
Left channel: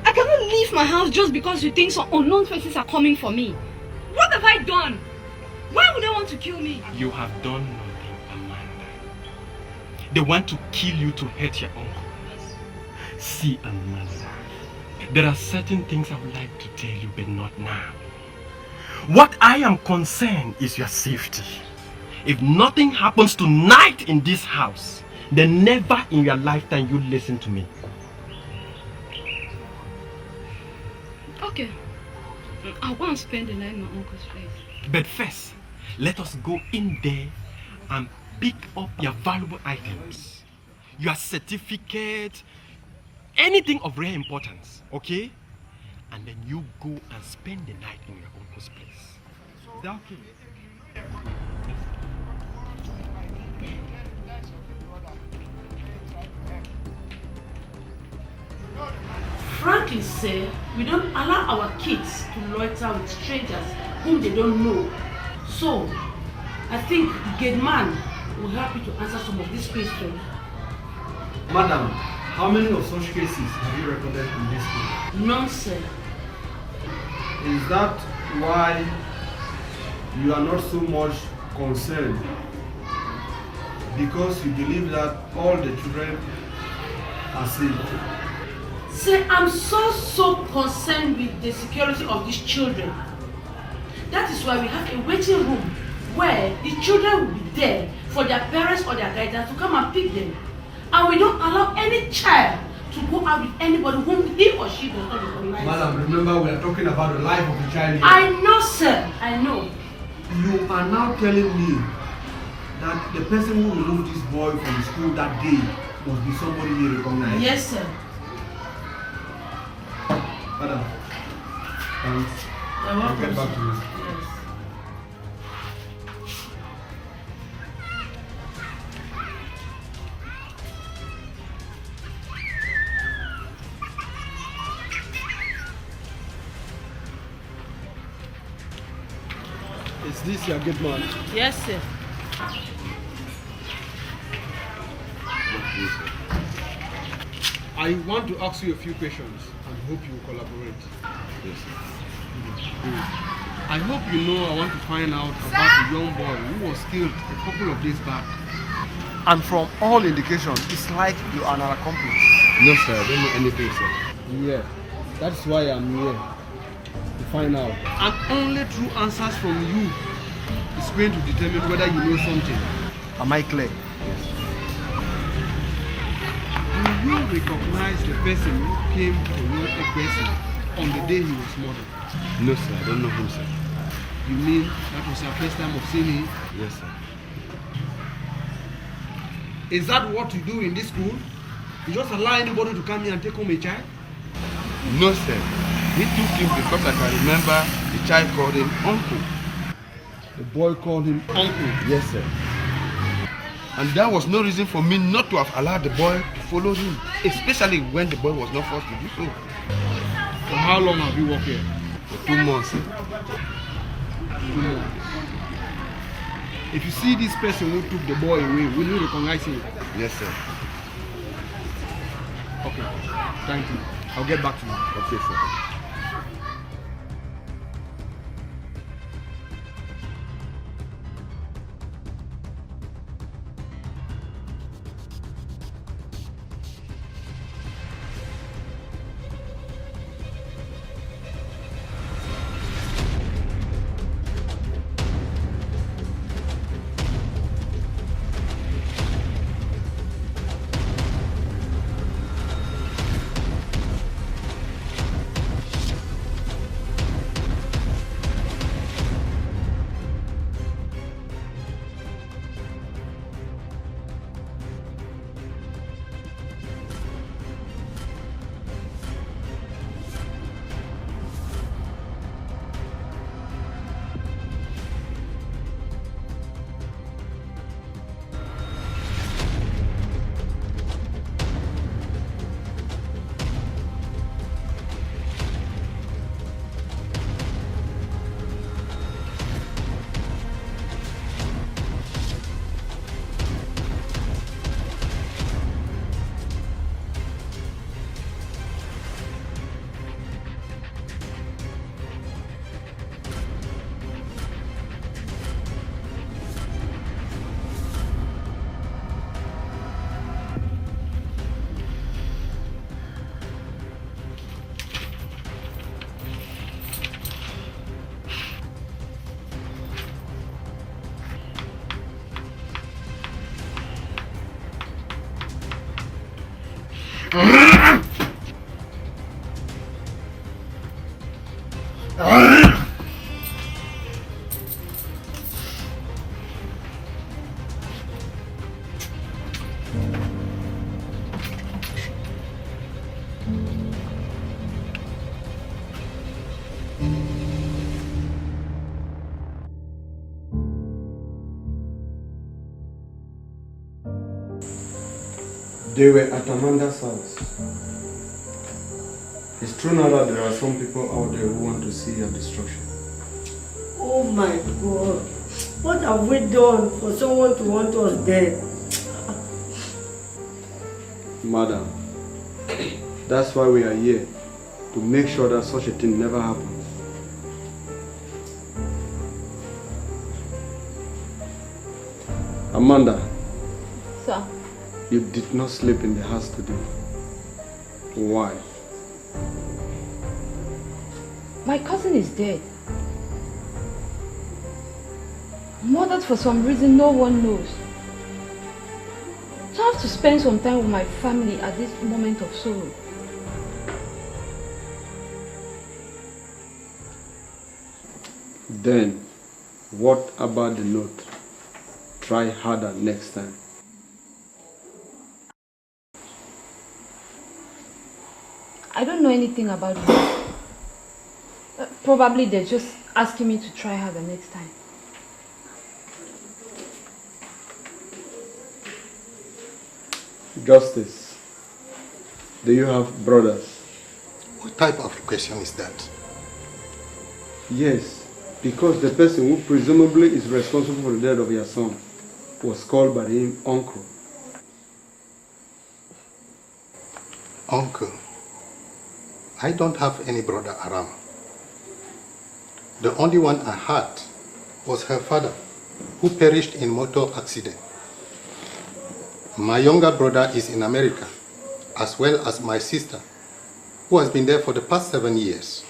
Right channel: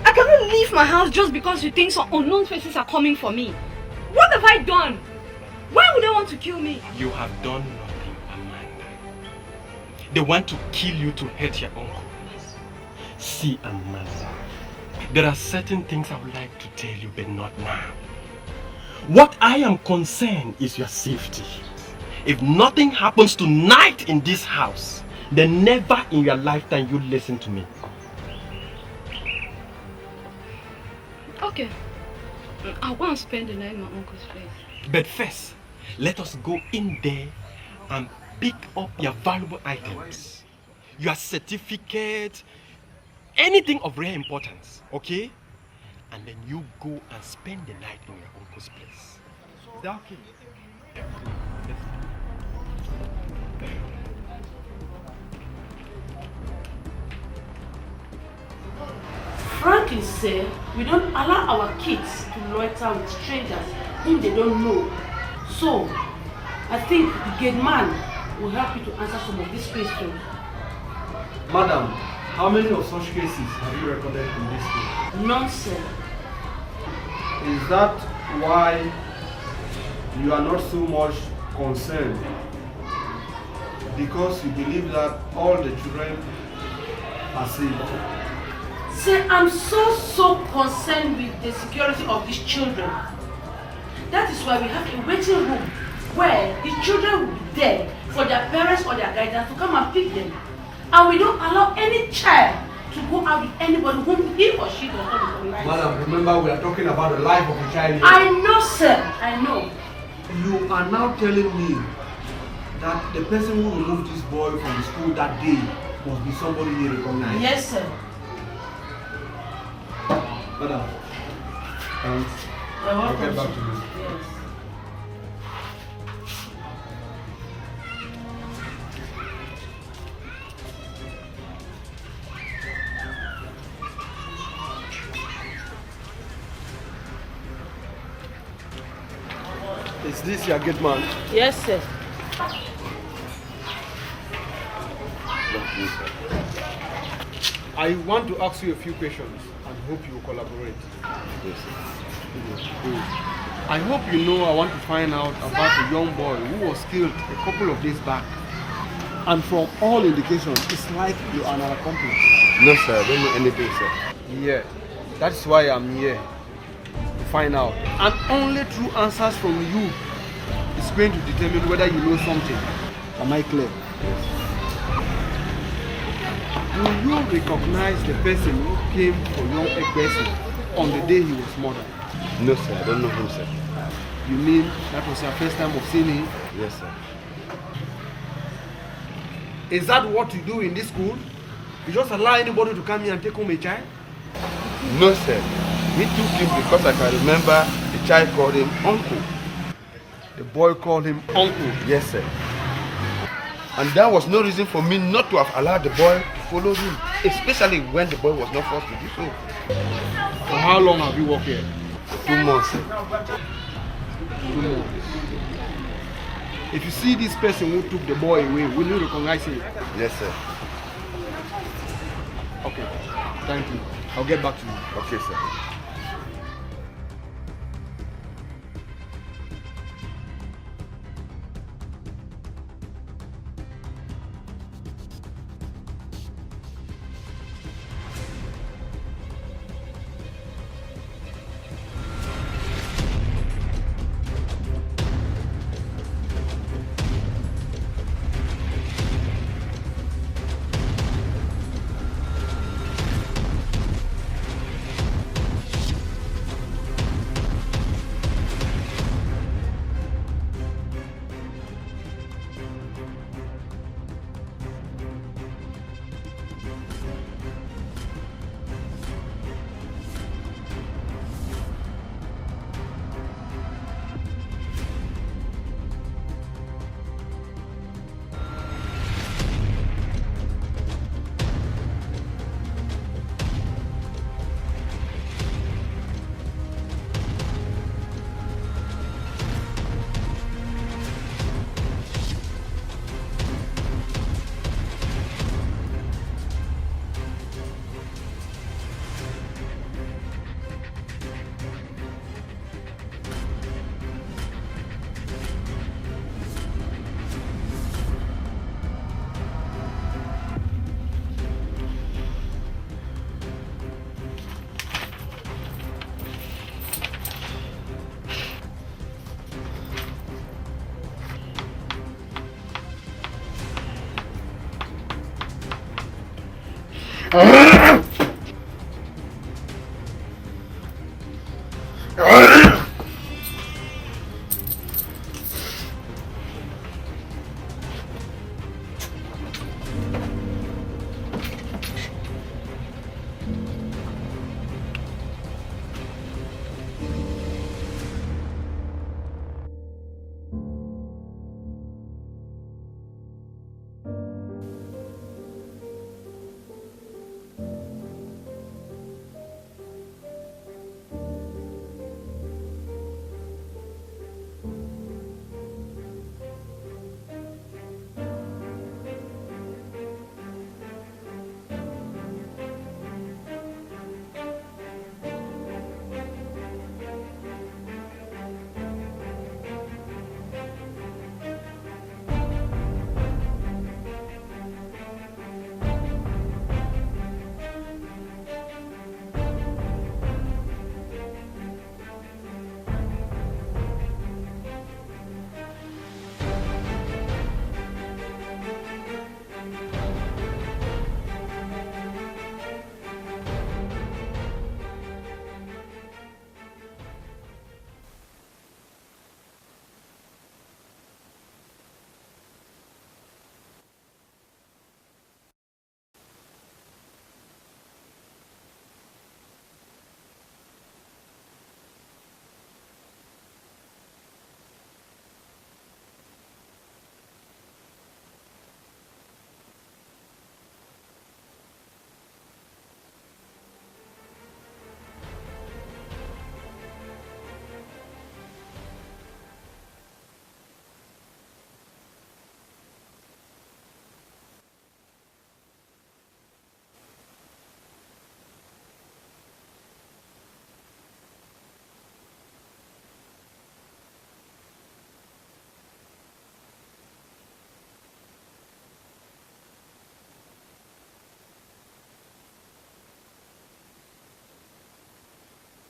I cannot leave my house just because you think some unknown faces are coming for me. What have I done? Why would they want to kill me? You have done nothing, Amanda. They want to kill you to hurt your uncle. See, Amanda, there are certain things I would like to tell you, but not now. What I am concerned is your safety. If nothing happens tonight in this house, then never in your lifetime you listen to me. Okay. I want to spend the night in my uncle's place. But first, let us go in there and pick up your valuable items. Your certificate, anything of rare importance, okay? And then you go and spend the night in your uncle's place. Is that okay? Yes. Frankly, sir, we don't allow our kids to loiter with strangers whom they don't know. So, I think the gate man will help you to answer some of these questions. Madam, how many of such cases have you recorded in this school? None, sir. Is that why you are not so much concerned? Because you believe that all the children are safe? Sir, I'm so concerned with the security of these children. That is why we have a waiting room where the children will be there for their parents or their guardians to come and pick them. And we don't allow any child to go out with anybody whom he or she does not recognize. Madam, remember we are talking about the life of a child here. I know, sir. I know. You are now telling me that the person who removed this boy from the school that day must be somebody you recognize? Yes, sir. Madam, You're welcome, get back to me. Yes. Is this your gate man? Yes, sir. I want to ask you a few questions and hope you will collaborate. Yes, sir. I hope you know I want to find out about a young boy who was killed a couple of days back. And from all indications, it's like you are an accomplice. No, sir, I don't know anything, sir. Yeah, that's why I'm here to find out. And only true answers from you is going to determine whether you know something. Am I clear? Yes. Do you recognize the person who came for young Ekbesi on the day he was murdered? No, sir, I don't know him, sir. You mean that was your first time of seeing him? Yes, sir. Is that what you do in this school? You just allow anybody to come here and take home a child? No, sir. He took him because I can remember the child called him uncle. The boy called him uncle? Yes, sir. And that was no reason for me not to have allowed the boy to follow him, especially when the boy was not forced to do so. For how long have you worked here? For 2 months, sir. 2 months. If you see this person who took the boy away, will you recognize him? Yes, sir. Okay, thank you. I'll get back to you. Okay, sir. They were at Amanda's house. It's true now that there are some people out there who want to see your destruction. Oh my God. What have we done for someone to want us dead? Madam, that's why we are here. To make sure that such a thing never happens. Amanda. Sir. You did not sleep in the house today. Why? My cousin is dead. Murdered for some reason no one knows. So I have to spend some time with my family at this moment of sorrow. Then, what about the note? Try harder next time. I don't know anything about it. Probably they're just asking me to try harder next time. Justice, do you have brothers? What type of question is that? Yes, because the person who presumably is responsible for the death of your son was called by him uncle. Uncle? I don't have any brother around. The only one I had was her father, who perished in motor accident. My younger brother is in America, as well as my sister, who has been there for the past 7 years.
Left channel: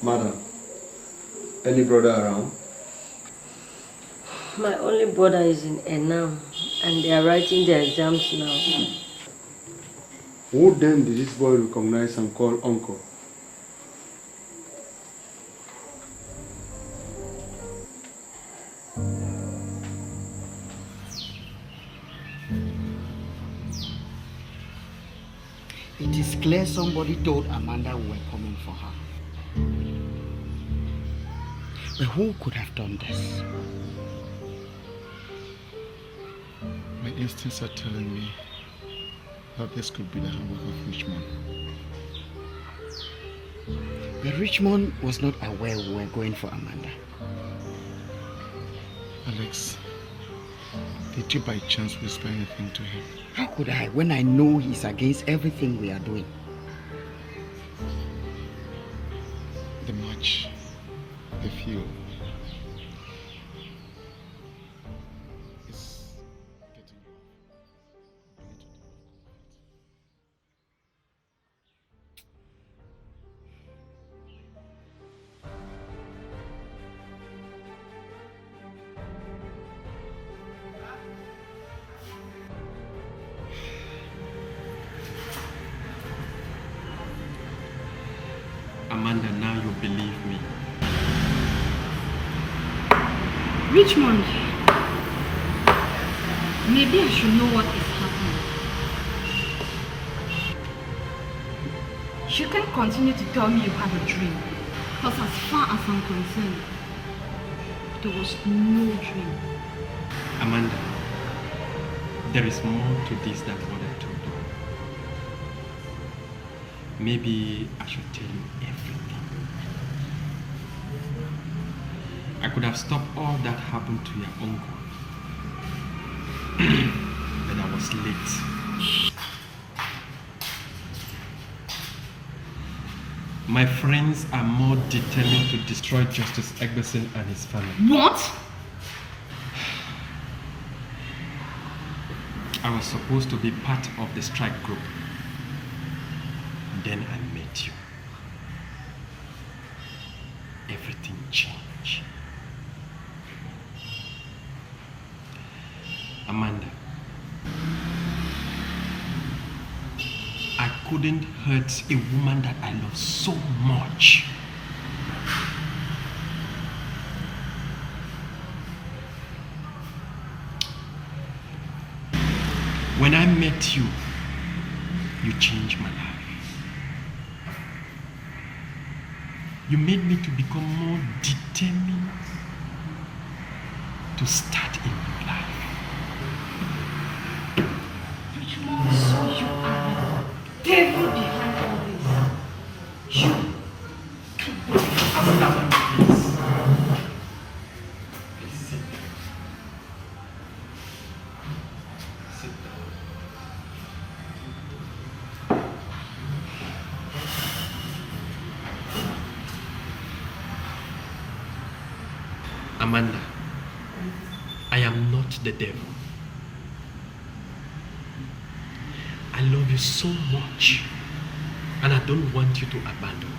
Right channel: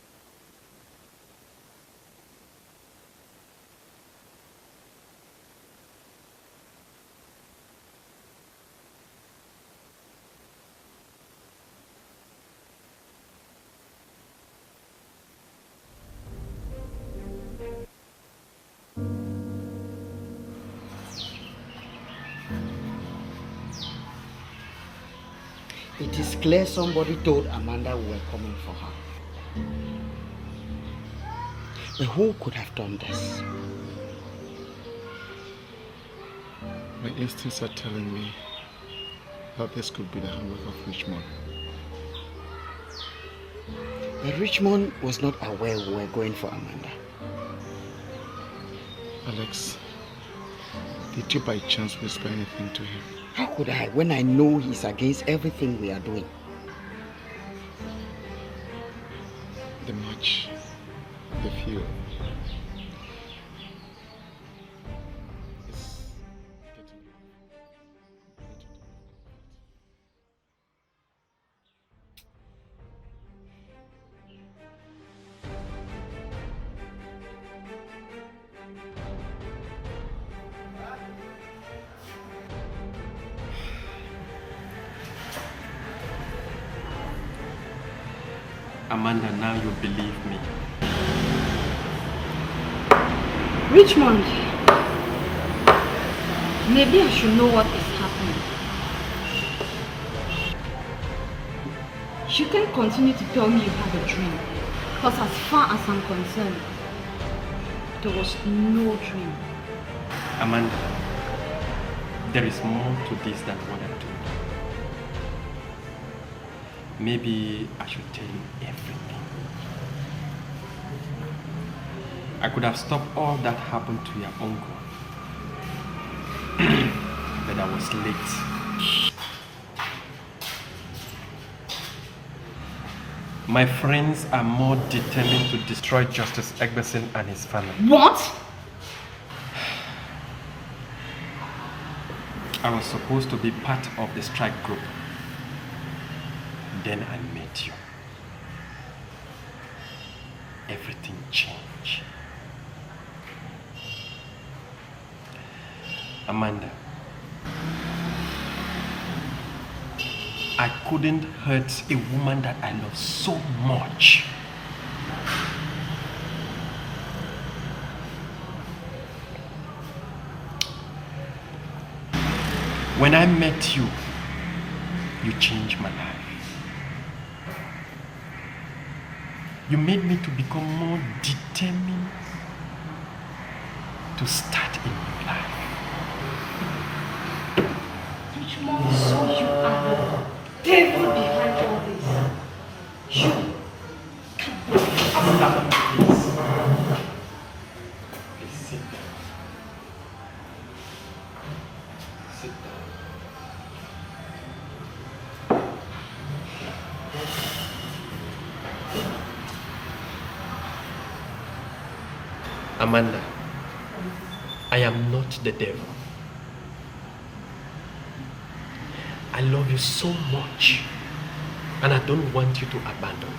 Madam, any brother around? My only brother is in Enam, and they are writing their exams now. Who then did this boy recognize and call uncle? It is clear somebody told Amanda we were coming for her. But who could have done this? My instincts are telling me that this could be the handwork of Richmond. But Richmond was not aware we were going for Amanda. Alex, did you by chance whisper anything to him? How could I, when I know he's against everything we are doing? The match, the fuel. It's getting low. We need to do it. Amanda, now you believe me. Richmond, maybe I should know what is happening. You can't continue to tell me you had a dream, because as far as I'm concerned, there was no dream. Amanda, there is more to this than what I told you. Maybe I should tell you everything. I could have stopped all that happened to your uncle. But I was late. My friends are more determined to destroy Justice Egberson and his family. What? I was supposed to be part of the strike group. Then I met you. Everything changed. Amanda, couldn't hurt a woman that I love so much. When I met you, you changed my life. You made me to become more determined to start a new life. Richmond, so you are the devil behind all this. You Please sit. Sit down. Amanda, I am not the devil. I love you so much, and I don't want you to abandon me.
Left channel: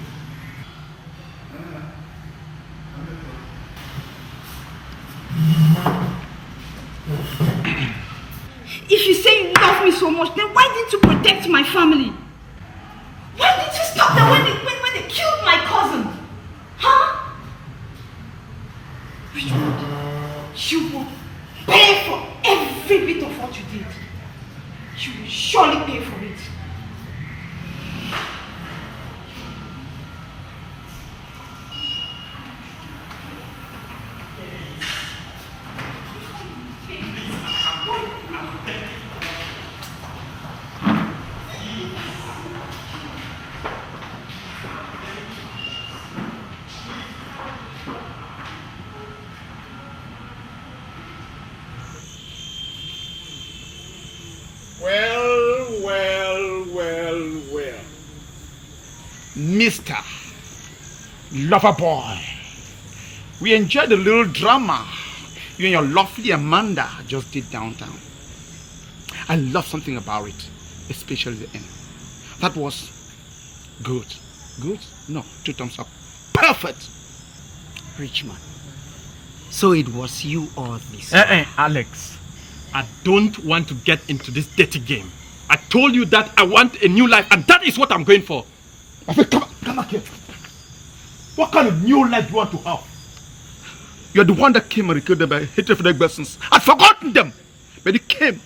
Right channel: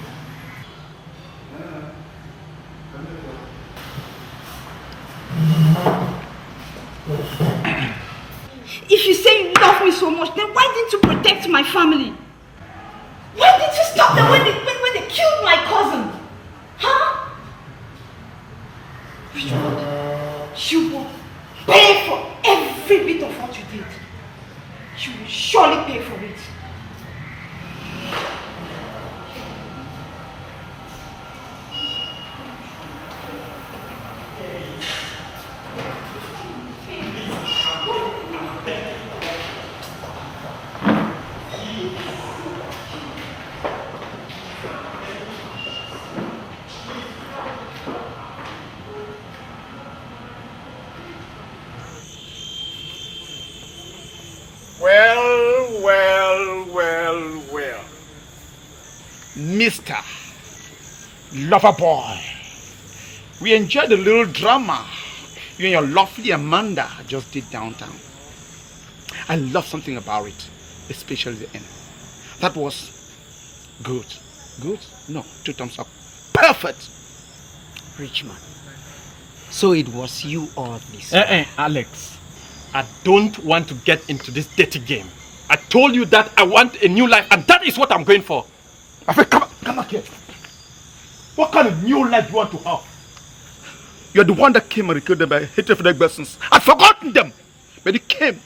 If you say you love me so much, then why didn't you protect my family? Why didn't you stop them when they killed my cousin? Huh? Richmond, you will pay for every bit of what you did. You will surely pay for it. Well. Mr. Loverboy, we enjoyed the little drama you and your lovely Amanda just did downtown. I love something about it, especially the end. That was good. Good? No, 2 thumbs up. Perfect! Richmond, so it was you all this. Alex, I don't want to get into this dirty game. I told you that I want a new life, and that is what I'm going for. Come back here. What kind of new life do you want to have? You're the one that came and killed them by hatred for their persons. I'd forgotten them. But he came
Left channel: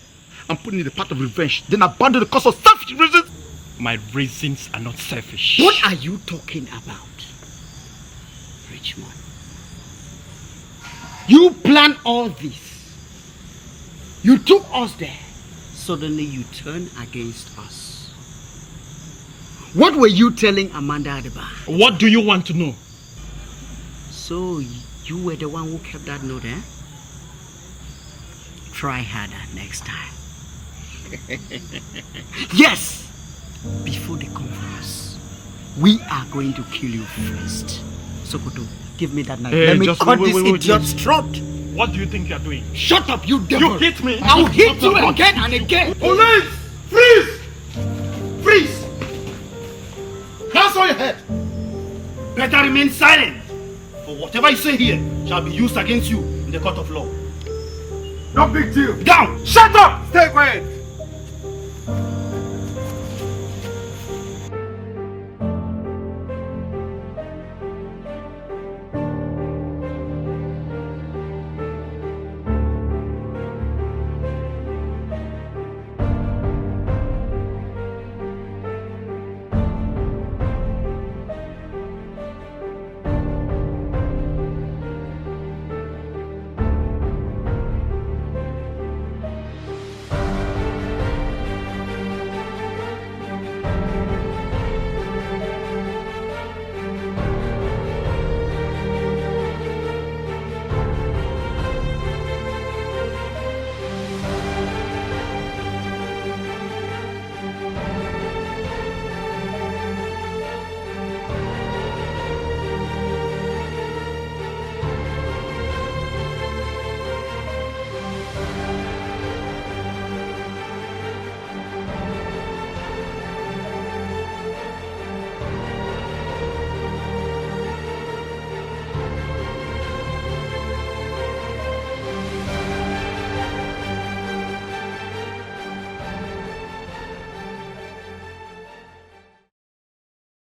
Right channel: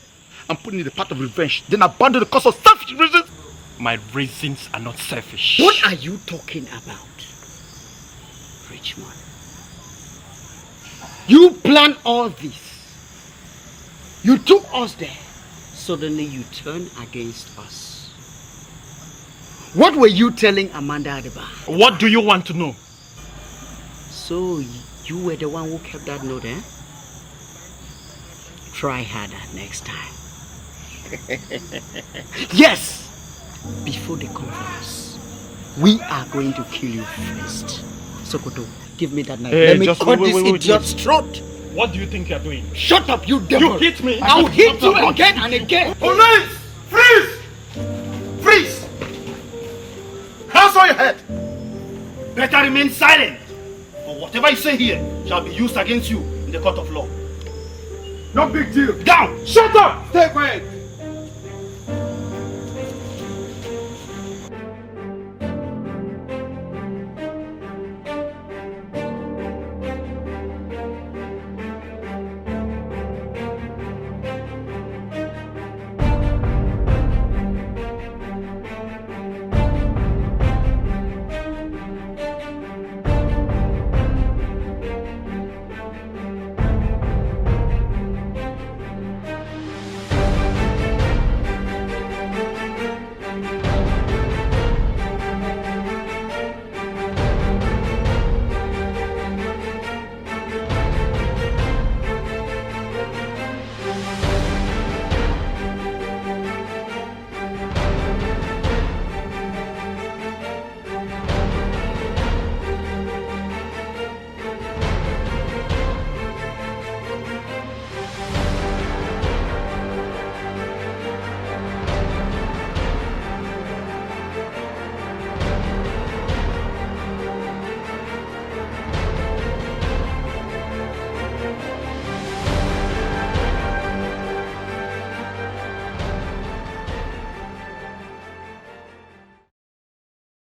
and put in the path of revenge, then abandoned the cause of selfish reasons. My reasons are not selfish. What are you talking about, Richmond? You planned all this. You took us there. Suddenly you turn against us. What were you telling Amanda at the bar? What do you want to know? So you were the one who kept that note, eh? Try harder next time. Yes! Before they come for us, we are going to kill you first. Sokoto, give me that knife. Let me cut this idiot's throat. What do you think you're doing? Shut up, you devil! You hit me! I'll hit you again and again! Police! Freeze! Freeze! Hands on your head! Better remain silent, for whatever you say here shall be used against you in the court of law. No big deal. Down! Shut up! Stay quiet!